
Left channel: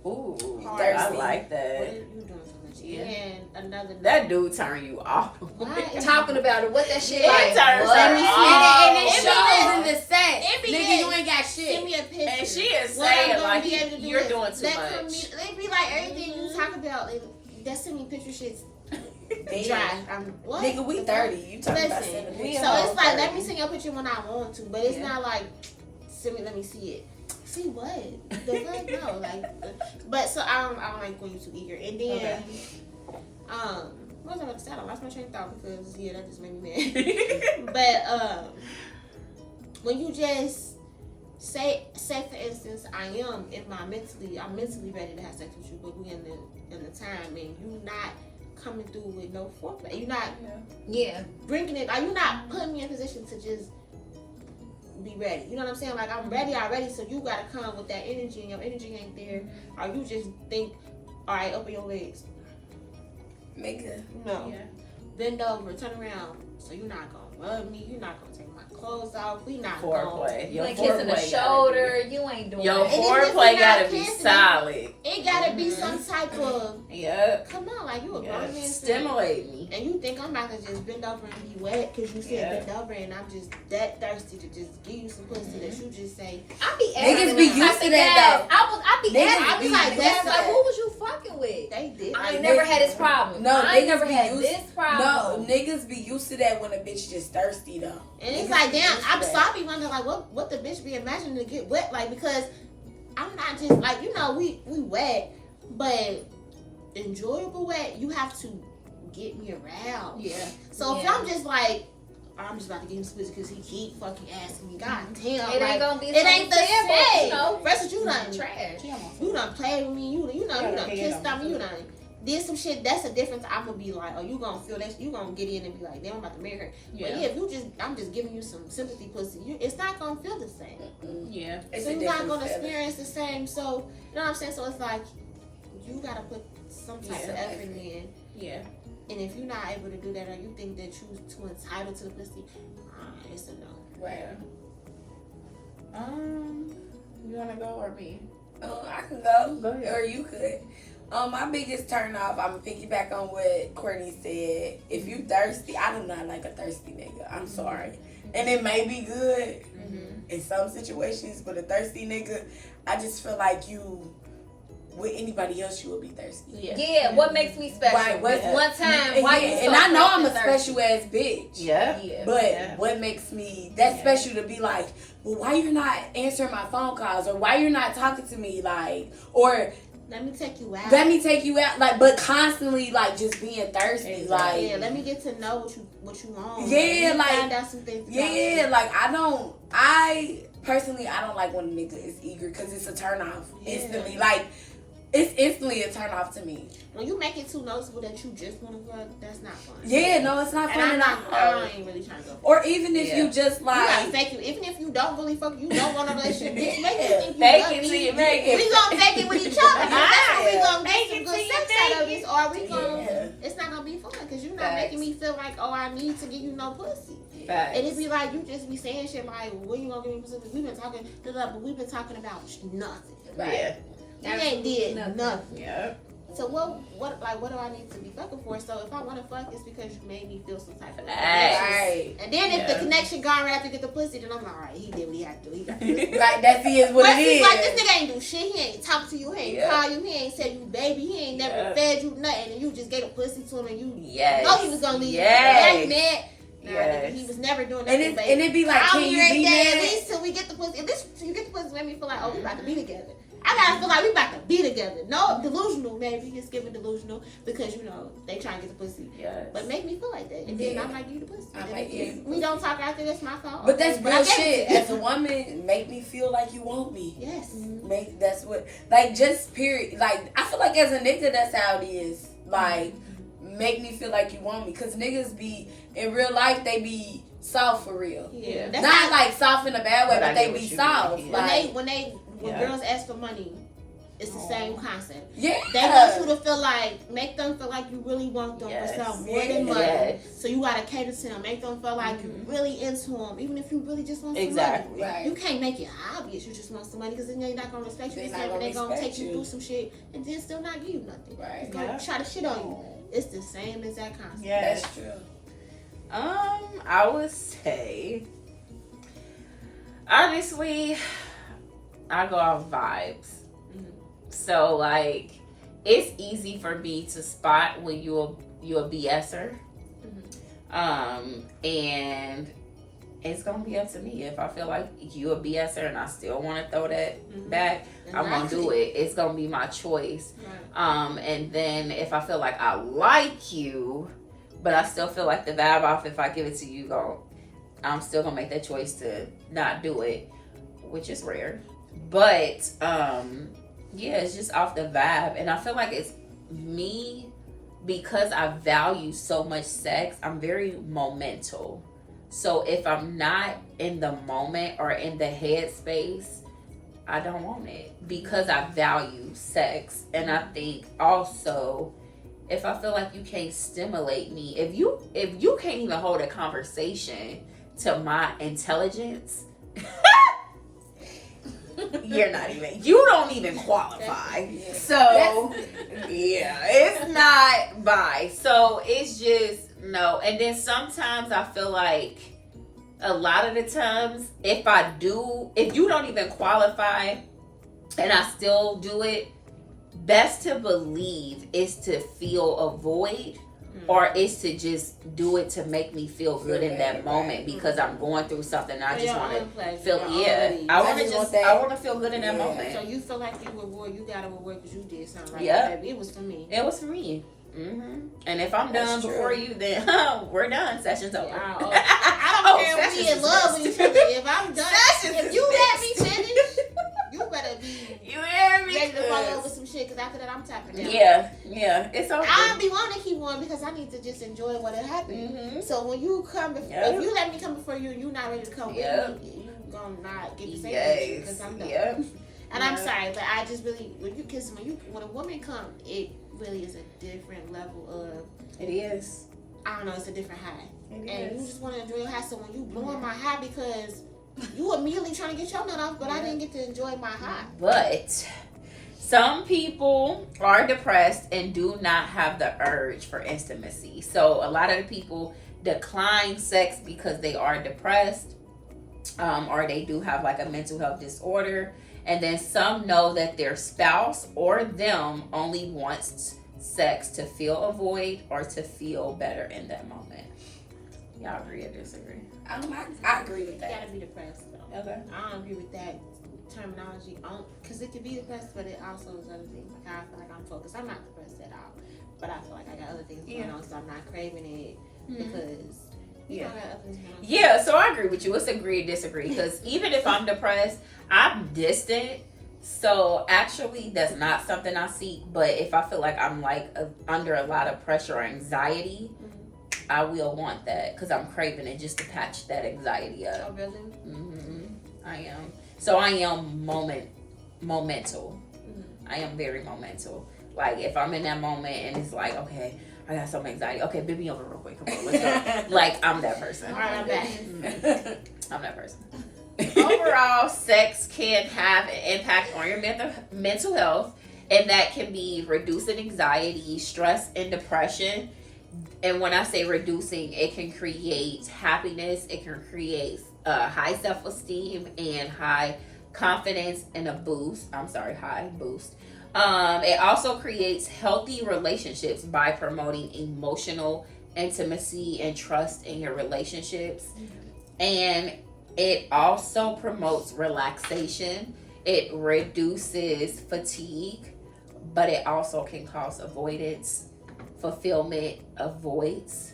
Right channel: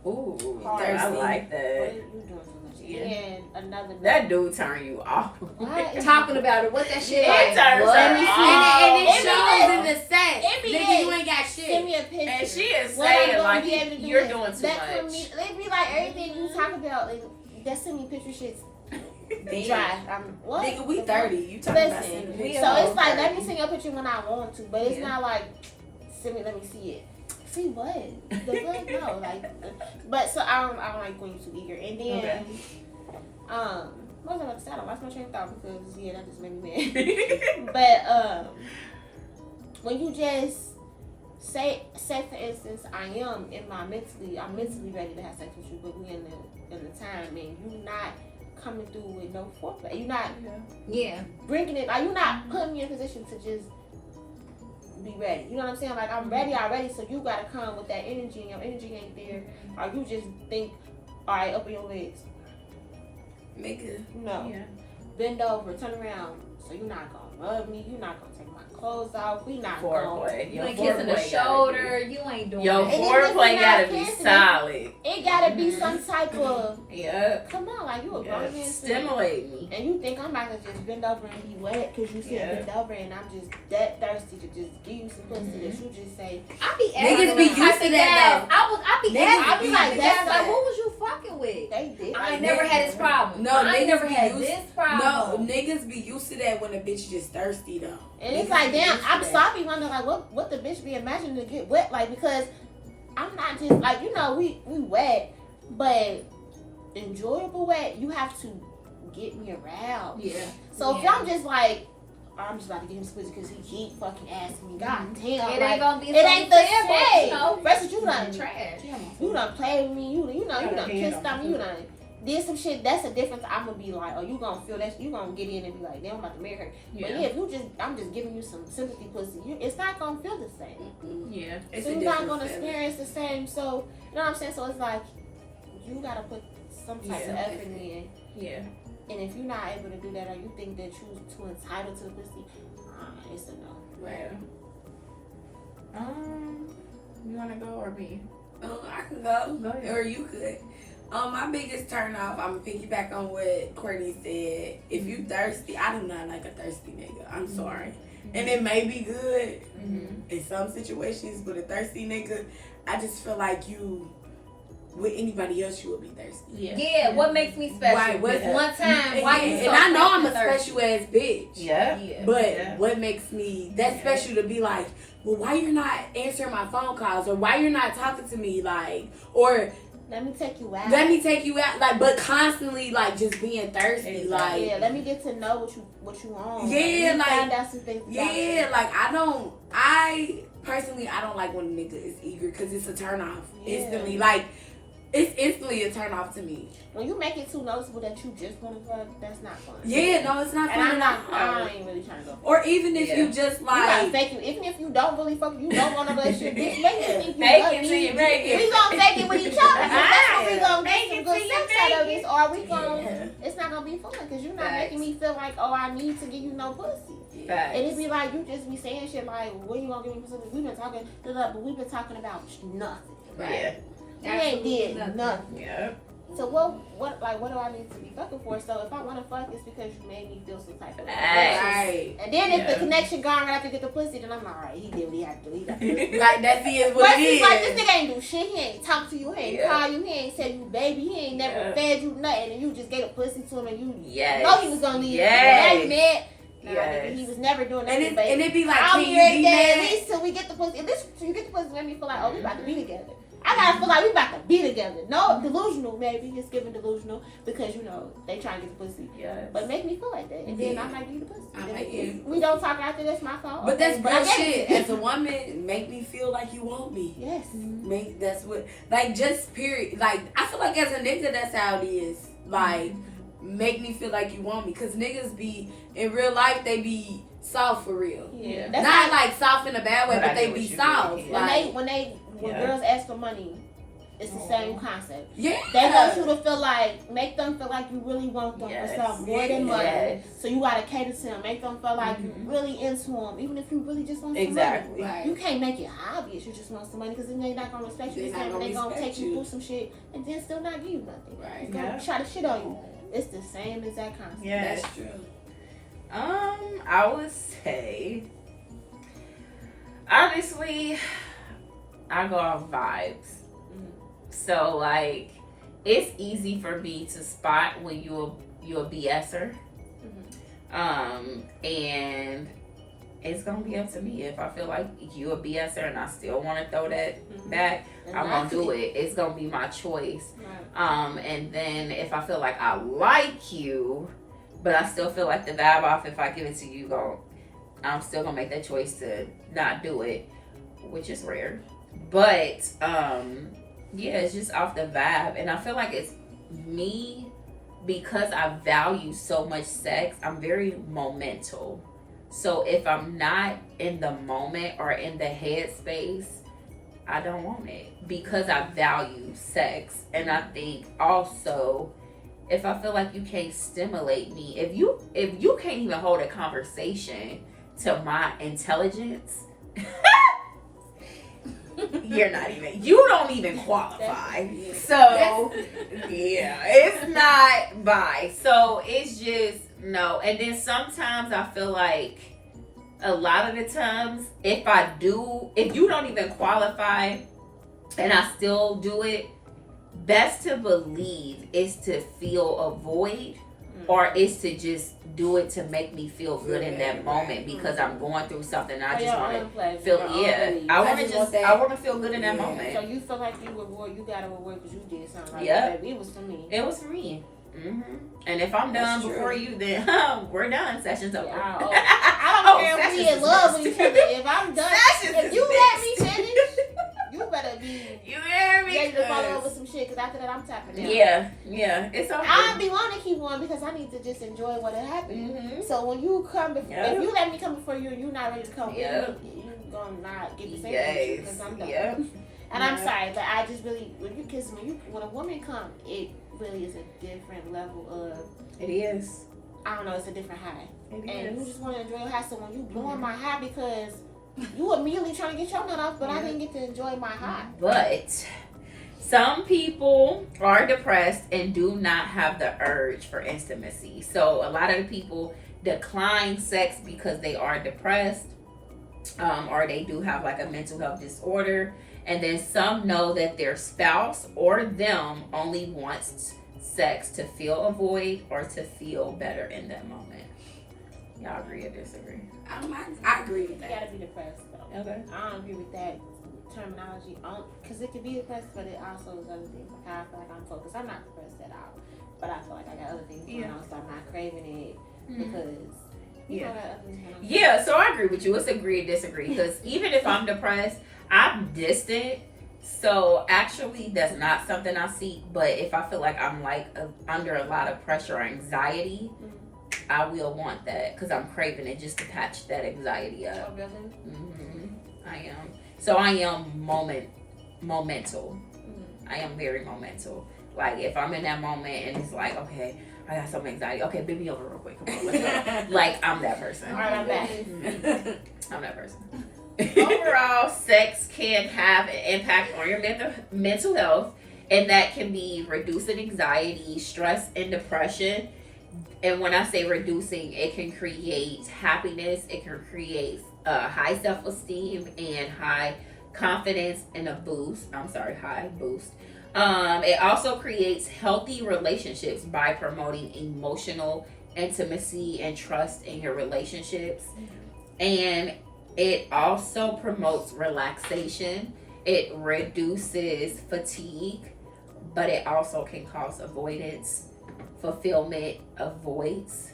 Ooh, Hard. I like What that. are you doing so much? Yeah. And another no. That dude turn you off. What? Talking about it, what that shit Yeah, like? it turns What? her me off. see it, and it It shows in the sex. It be Nigga, it. you ain't got Send shit. me a picture. And she is What I'm saying gonna like be able to do you're is doing too let much. They be like everything you talk about. That send me picture shit's dry. I'm what? Nigga, we 30. You talking about Listen, seven. we so all it's like 30. let me send you a picture when I want to, but it's Yeah. not like send me. Let me see it. See what? The fuck no, like. But so I don't like when you too eager. And then, Okay. what was I about to say? I lost my train of thought because yeah, that just made me mad. But when you just say for instance, I'm mentally ready to have sex with you, but we in the time and you not coming through with no foreplay. You not Yeah. bringing it. Like you not putting me in a position to just be ready. You know what I'm saying? Like I'm ready already, so you gotta come with that energy, and your energy ain't there, or you just think, all right, open your legs. Make a No, Yeah. bend over, turn around. So you're not gonna rub me. You're not gonna take my clothes off. We not gonna. Foreplay. You Your ain't kissing the foreplay shoulder. You ain't doing Your it. And even if foreplay we gotta not be kissing, solid. It gotta be some type of. Yep. Come on, like you a grown Yeah. man. Stimulate me. And you think I'm about to just bend over and be wet because you said Yeah. bend over and I'm just that thirsty to just give you some pussy that you just say. I be Niggas asking be them, used to that, I be Niggas asking be them, like, guys, that's like, a- who was you fucking with? They did. I Like, ain't never niggas- had this problem. No, I ain't niggas never be had used- this No, problem. niggas be used to that when a bitch just thirsty though. And it's Niggas like, be damn, used to I'm that. sorry, wonder like what the bitch be imagining to get wet like because I'm not just like we wet, but enjoyable wet. You have to get me around. Yeah. So if Yeah. I'm just like. I'm just about to get him squeezed because he keep fucking asking me. God damn, It like, ain't gonna be it so ain't the simple, same. you know. Versus you done Trash. You done played with me. You done Got a kissed hand on on me. my You done did some shit. That's a difference. I'm gonna be like, oh, you gonna feel that? You gonna get in and be like, damn, I'm about to marry her. But yeah, if you just, I'm just giving you some sympathy, pussy. It's not gonna feel the same. Mm-mm. Yeah. It's So a you're not different gonna feeling. experience the same. So you know what I'm saying? So it's like you gotta put some type of Yeah. effort in. Yeah. And if you're not able to do that, or you think that you're too entitled to the pussy, it's a no. Right. Yeah. You wanna go or me? I can go. Go ahead. Or you could. My biggest turn off, I'm gonna piggyback on what Courtney said. If you thirsty, I do not like a thirsty nigga. I'm sorry. And it may be good in some situations, but a thirsty nigga, I just feel like you, with anybody else, you will be thirsty. Yeah. Yeah, what makes me special? Right, Was what- one time, why you and so I know I'm a fucking thirsty? special ass bitch. Yeah. Yeah. But Yeah. what makes me that Yeah. special to be like, well, why you're not answering my phone calls, or why you're not talking to me, like, or Let me take you out. Let me take you out, like, but constantly, like, just being thirsty, like, yeah. Let me get to know what you want. Yeah, like, like, find out some things. yeah, like, I personally, I don't like when a nigga is eager because it's a turn off instantly. Like, it's instantly a turn off to me. When you make it too noticeable that you just want to fuck, that's not fun. Yeah, no, it's not And fun. I ain't really trying to go. Or even if you just like, you gotta fake you. Even if you don't really fuck, you don't want a relationship. Bitch, make it think you Fake love it me. till you make it. We gonna fake it with each other. So that's when we gonna Make get it some till good you sex make out of it. this, or we gonna. It's not gonna be fun because you're not Facts. making me feel like, oh, I need to give you no pussy. Facts. And it be like you just be saying shit like, when you gonna give me pussy? We've been talking, but we've been talking about nothing. Yeah. You ain't did nothing. Yeah. So what do I need to be fucking for? So if I want to fuck, it's because you made me feel some type of way. right. And then if the Yeah. connection gone right after you get the pussy, then I'm like, all right, he did what he had to do. He got the like, that's what But it is. it's like, this nigga ain't do shit. He ain't talk to you. He ain't Yeah. call you. He ain't tell you baby. He ain't never Yeah. fed you nothing. And you just gave a pussy to him and you Yes. know he was gonna leave. Yes. That's mad. Nah, Yes. nigga, he was never doing and nothing. But it be like, I'll can be you every be day at mad? least till we get the pussy. At least till you get the pussy, make me feel like, oh, we about to be together. I gotta feel like we about to be together. No, delusional maybe. It's giving delusional because you know they trying to get the pussy. Yes. But make me feel like that, and then Yeah. I might give you the pussy. I Then might if give you- we don't talk after, that's my fault. But Okay, that's but I gave bullshit. it to you. As a woman, make me feel like you want me. Yes. That's what, like, just period. Like, I feel like as a nigga, that's how it is. Like, make me feel like you want me, cause niggas be in real life, they be soft for real. Yeah. That's That's Not how, like soft in a bad way, But I but they get be what you soft. mean. Like, when Yeah. girls ask for money, it's the same concept. yeah, They want you to feel like, make them feel like you really want them Yes. for something more than money. Yes. So you gotta cater to them, make them feel like you really into them, even if you really just want some Exactly. money. You can't make it obvious you just want some money because then they're not gonna respect you. They're not They're gonna gonna take respect you you. through some shit and then still not give you nothing. Right. Gonna Yeah. try to shit on you. It's the same exact concept. Yes. That's true. I would say, honestly, I go off vibes. So like, it's easy for me to spot when you're a BSer. And it's gonna be up to me if I feel like you a BSer and I still want to throw that back. I'm gonna do it. It's gonna be my choice. Right. And then if I feel like I like you, but I still feel like the vibe off if I give it to you, I'm still gonna make that choice to not do it, which is rare. But yeah, it's just off the vibe, and I feel like it's me because I value so much sex. I'm very momental. So if I'm not in the moment or in the headspace, I don't want it because I value sex. And I think also, if I feel like you can't stimulate me, if you can't even hold a conversation to my intelligence, you don't even qualify. So yeah, it's not by. So it's just no. And then sometimes I feel like a lot of the times if you don't even qualify and I still do it, best to believe is to feel a void or is to just do it to make me feel good in that moment because I'm going through something. I just want to feel. I want to feel good in that moment. So you feel like you reward, you got to reward because you did something right. Yeah. Baby. It was for me. It was for me. And if I'm done That's before true. you, then we're done. Session's over. Yeah, I don't care if we in love with each other. If I'm done, if you let me finish, you better be You hear me? ready to follow up with some shit because after that I'm tapping out. Yeah, it's over. I don't be wanting to keep on because I need to just enjoy what happened. So when you come, if you let me come before you and you're not ready to come with me, you gonna not get the same because I'm done. And I'm sorry, but I just really, when you kiss me, when a woman come, it really is a different level of. It is. I don't know, it's a different high. It And is. you just want to enjoy your high. So when you blowing my high because you immediately trying to get your nut off, but I didn't get to enjoy my high. But some people are depressed and do not have the urge for intimacy. So a lot of the people decline sex because they are depressed, or they do have like a mental health disorder. And then some know that their spouse or them only wants sex to fill a void or to feel better in that moment. Y'all agree or disagree? I agree with You that. gotta be depressed though. Okay. I don't agree with that terminology because it could be depressed, but it also is other things. Like I feel like I'm focused. I'm not depressed at all, but I feel like I got other things going on, so I'm not craving it because you know, I got other things going on. Yeah, so I agree with you. It's agree, disagree. Because even if I'm depressed, I'm distant. So actually, that's not something I seek. But if I feel like I'm like under a lot of pressure or anxiety, I will want that because I'm craving it just to patch that anxiety up. Oh really? I am. So I am momental. I am very momental. Like if I'm in that moment and it's like, okay, I got some anxiety. Okay, bend me over real quick. Come on, let's go. Like I'm that person. All right, I'm back. I'm that person. Overall, sex can have an impact on your mental health, and that can be reducing anxiety, stress, and depression. And when I say reducing, it can create happiness, it can create high self-esteem and high confidence and high boost. It also creates healthy relationships by promoting emotional intimacy and trust in your relationships. And it also promotes relaxation. It reduces fatigue, but it also can cause avoidance, fulfillment, avoids,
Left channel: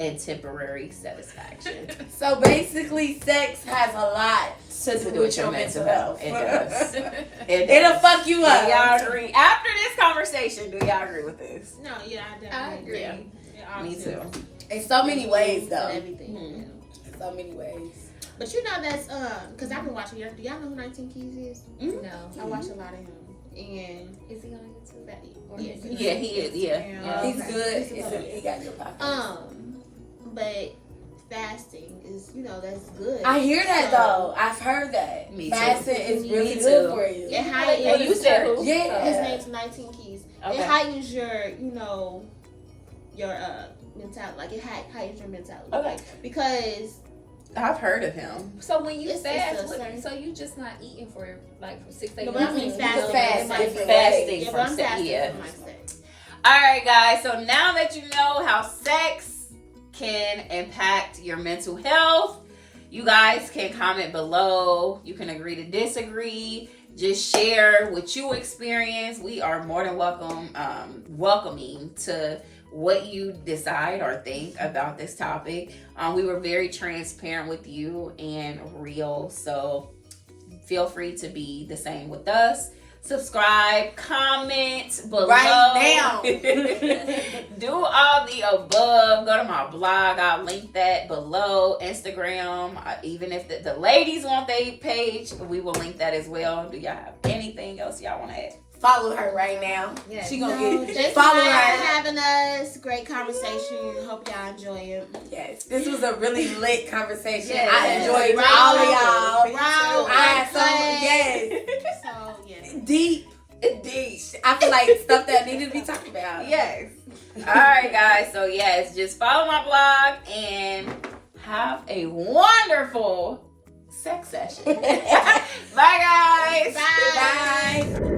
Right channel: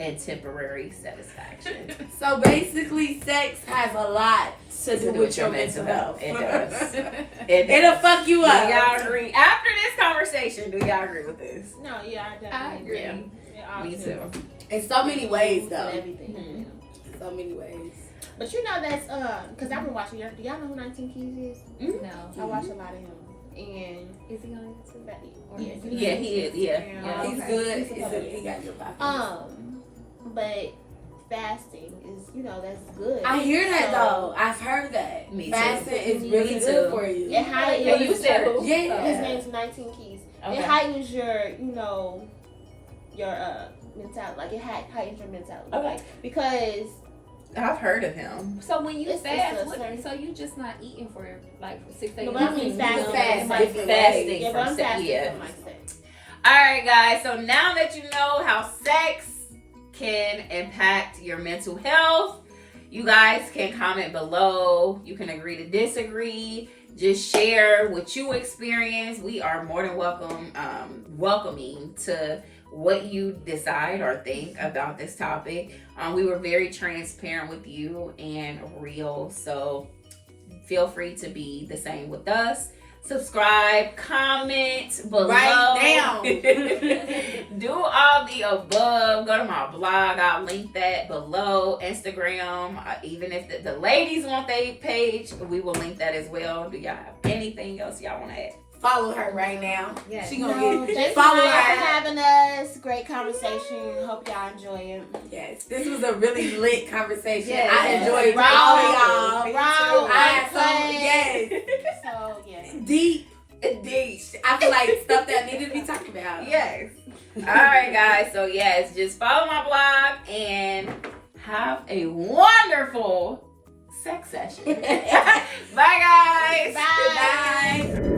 and temporary satisfaction. So basically, sex has a lot to do with your mental health. It does. It'll fuck you Do up. y'all agree? After this conversation, do y'all agree with this? No, yeah, I I definitely agree. Yeah, Me too. In so many ways, though. Everything. Mhm. So many ways. But you know that's because I've been watching. Do y'all know who 19 Keys is? No. I watch a lot of him, and Is he on YouTube? Or yeah, is he- Yeah, he is. Yeah. He's okay. good. He's He's okay. good. He got good podcast. But fasting is, that's good. I hear that So- though. I've heard that. Me too. Fasting is really Me good too. for you. It heightens. And you said who? Yeah. His name's 19 Keys. Okay. It heightens your, your mentality. Like it heightens your mentality. Okay. Like, because I've heard of him. So when you It's fast, a certain- so you just not eating for like 6 days? No, but I mean fasting. Fast. Like, Fasting yeah, from but I'm sex, fasting yeah. from my sex. All right, guys. So now that you know how sex can impact your mental health, you guys can comment below. You can agree to disagree. Just share what you experience. We are more than welcoming to what you decide or think about this topic. We were very transparent with you and real. So feel free to be the same with us. Subscribe, comment below. Right now. Do all the above. Go to my blog. I'll link that below. Instagram. Even if the ladies want their page, we will link that as well. Do y'all have anything else y'all want to add? Follow her right now. Yes. She No, gonna get thanks follow for her. having us. Great conversation. Hope y'all enjoy it. Yes, this was a really lit conversation. Yes. I enjoyed Raw, all of y'all. raw, I had some, unplanned. yes, So yeah. deep. Deep. I feel like stuff that needed to be talked about. Yes. All right, guys. So yes, just follow my blog and have a wonderful sex session. Bye, guys. Bye. Bye.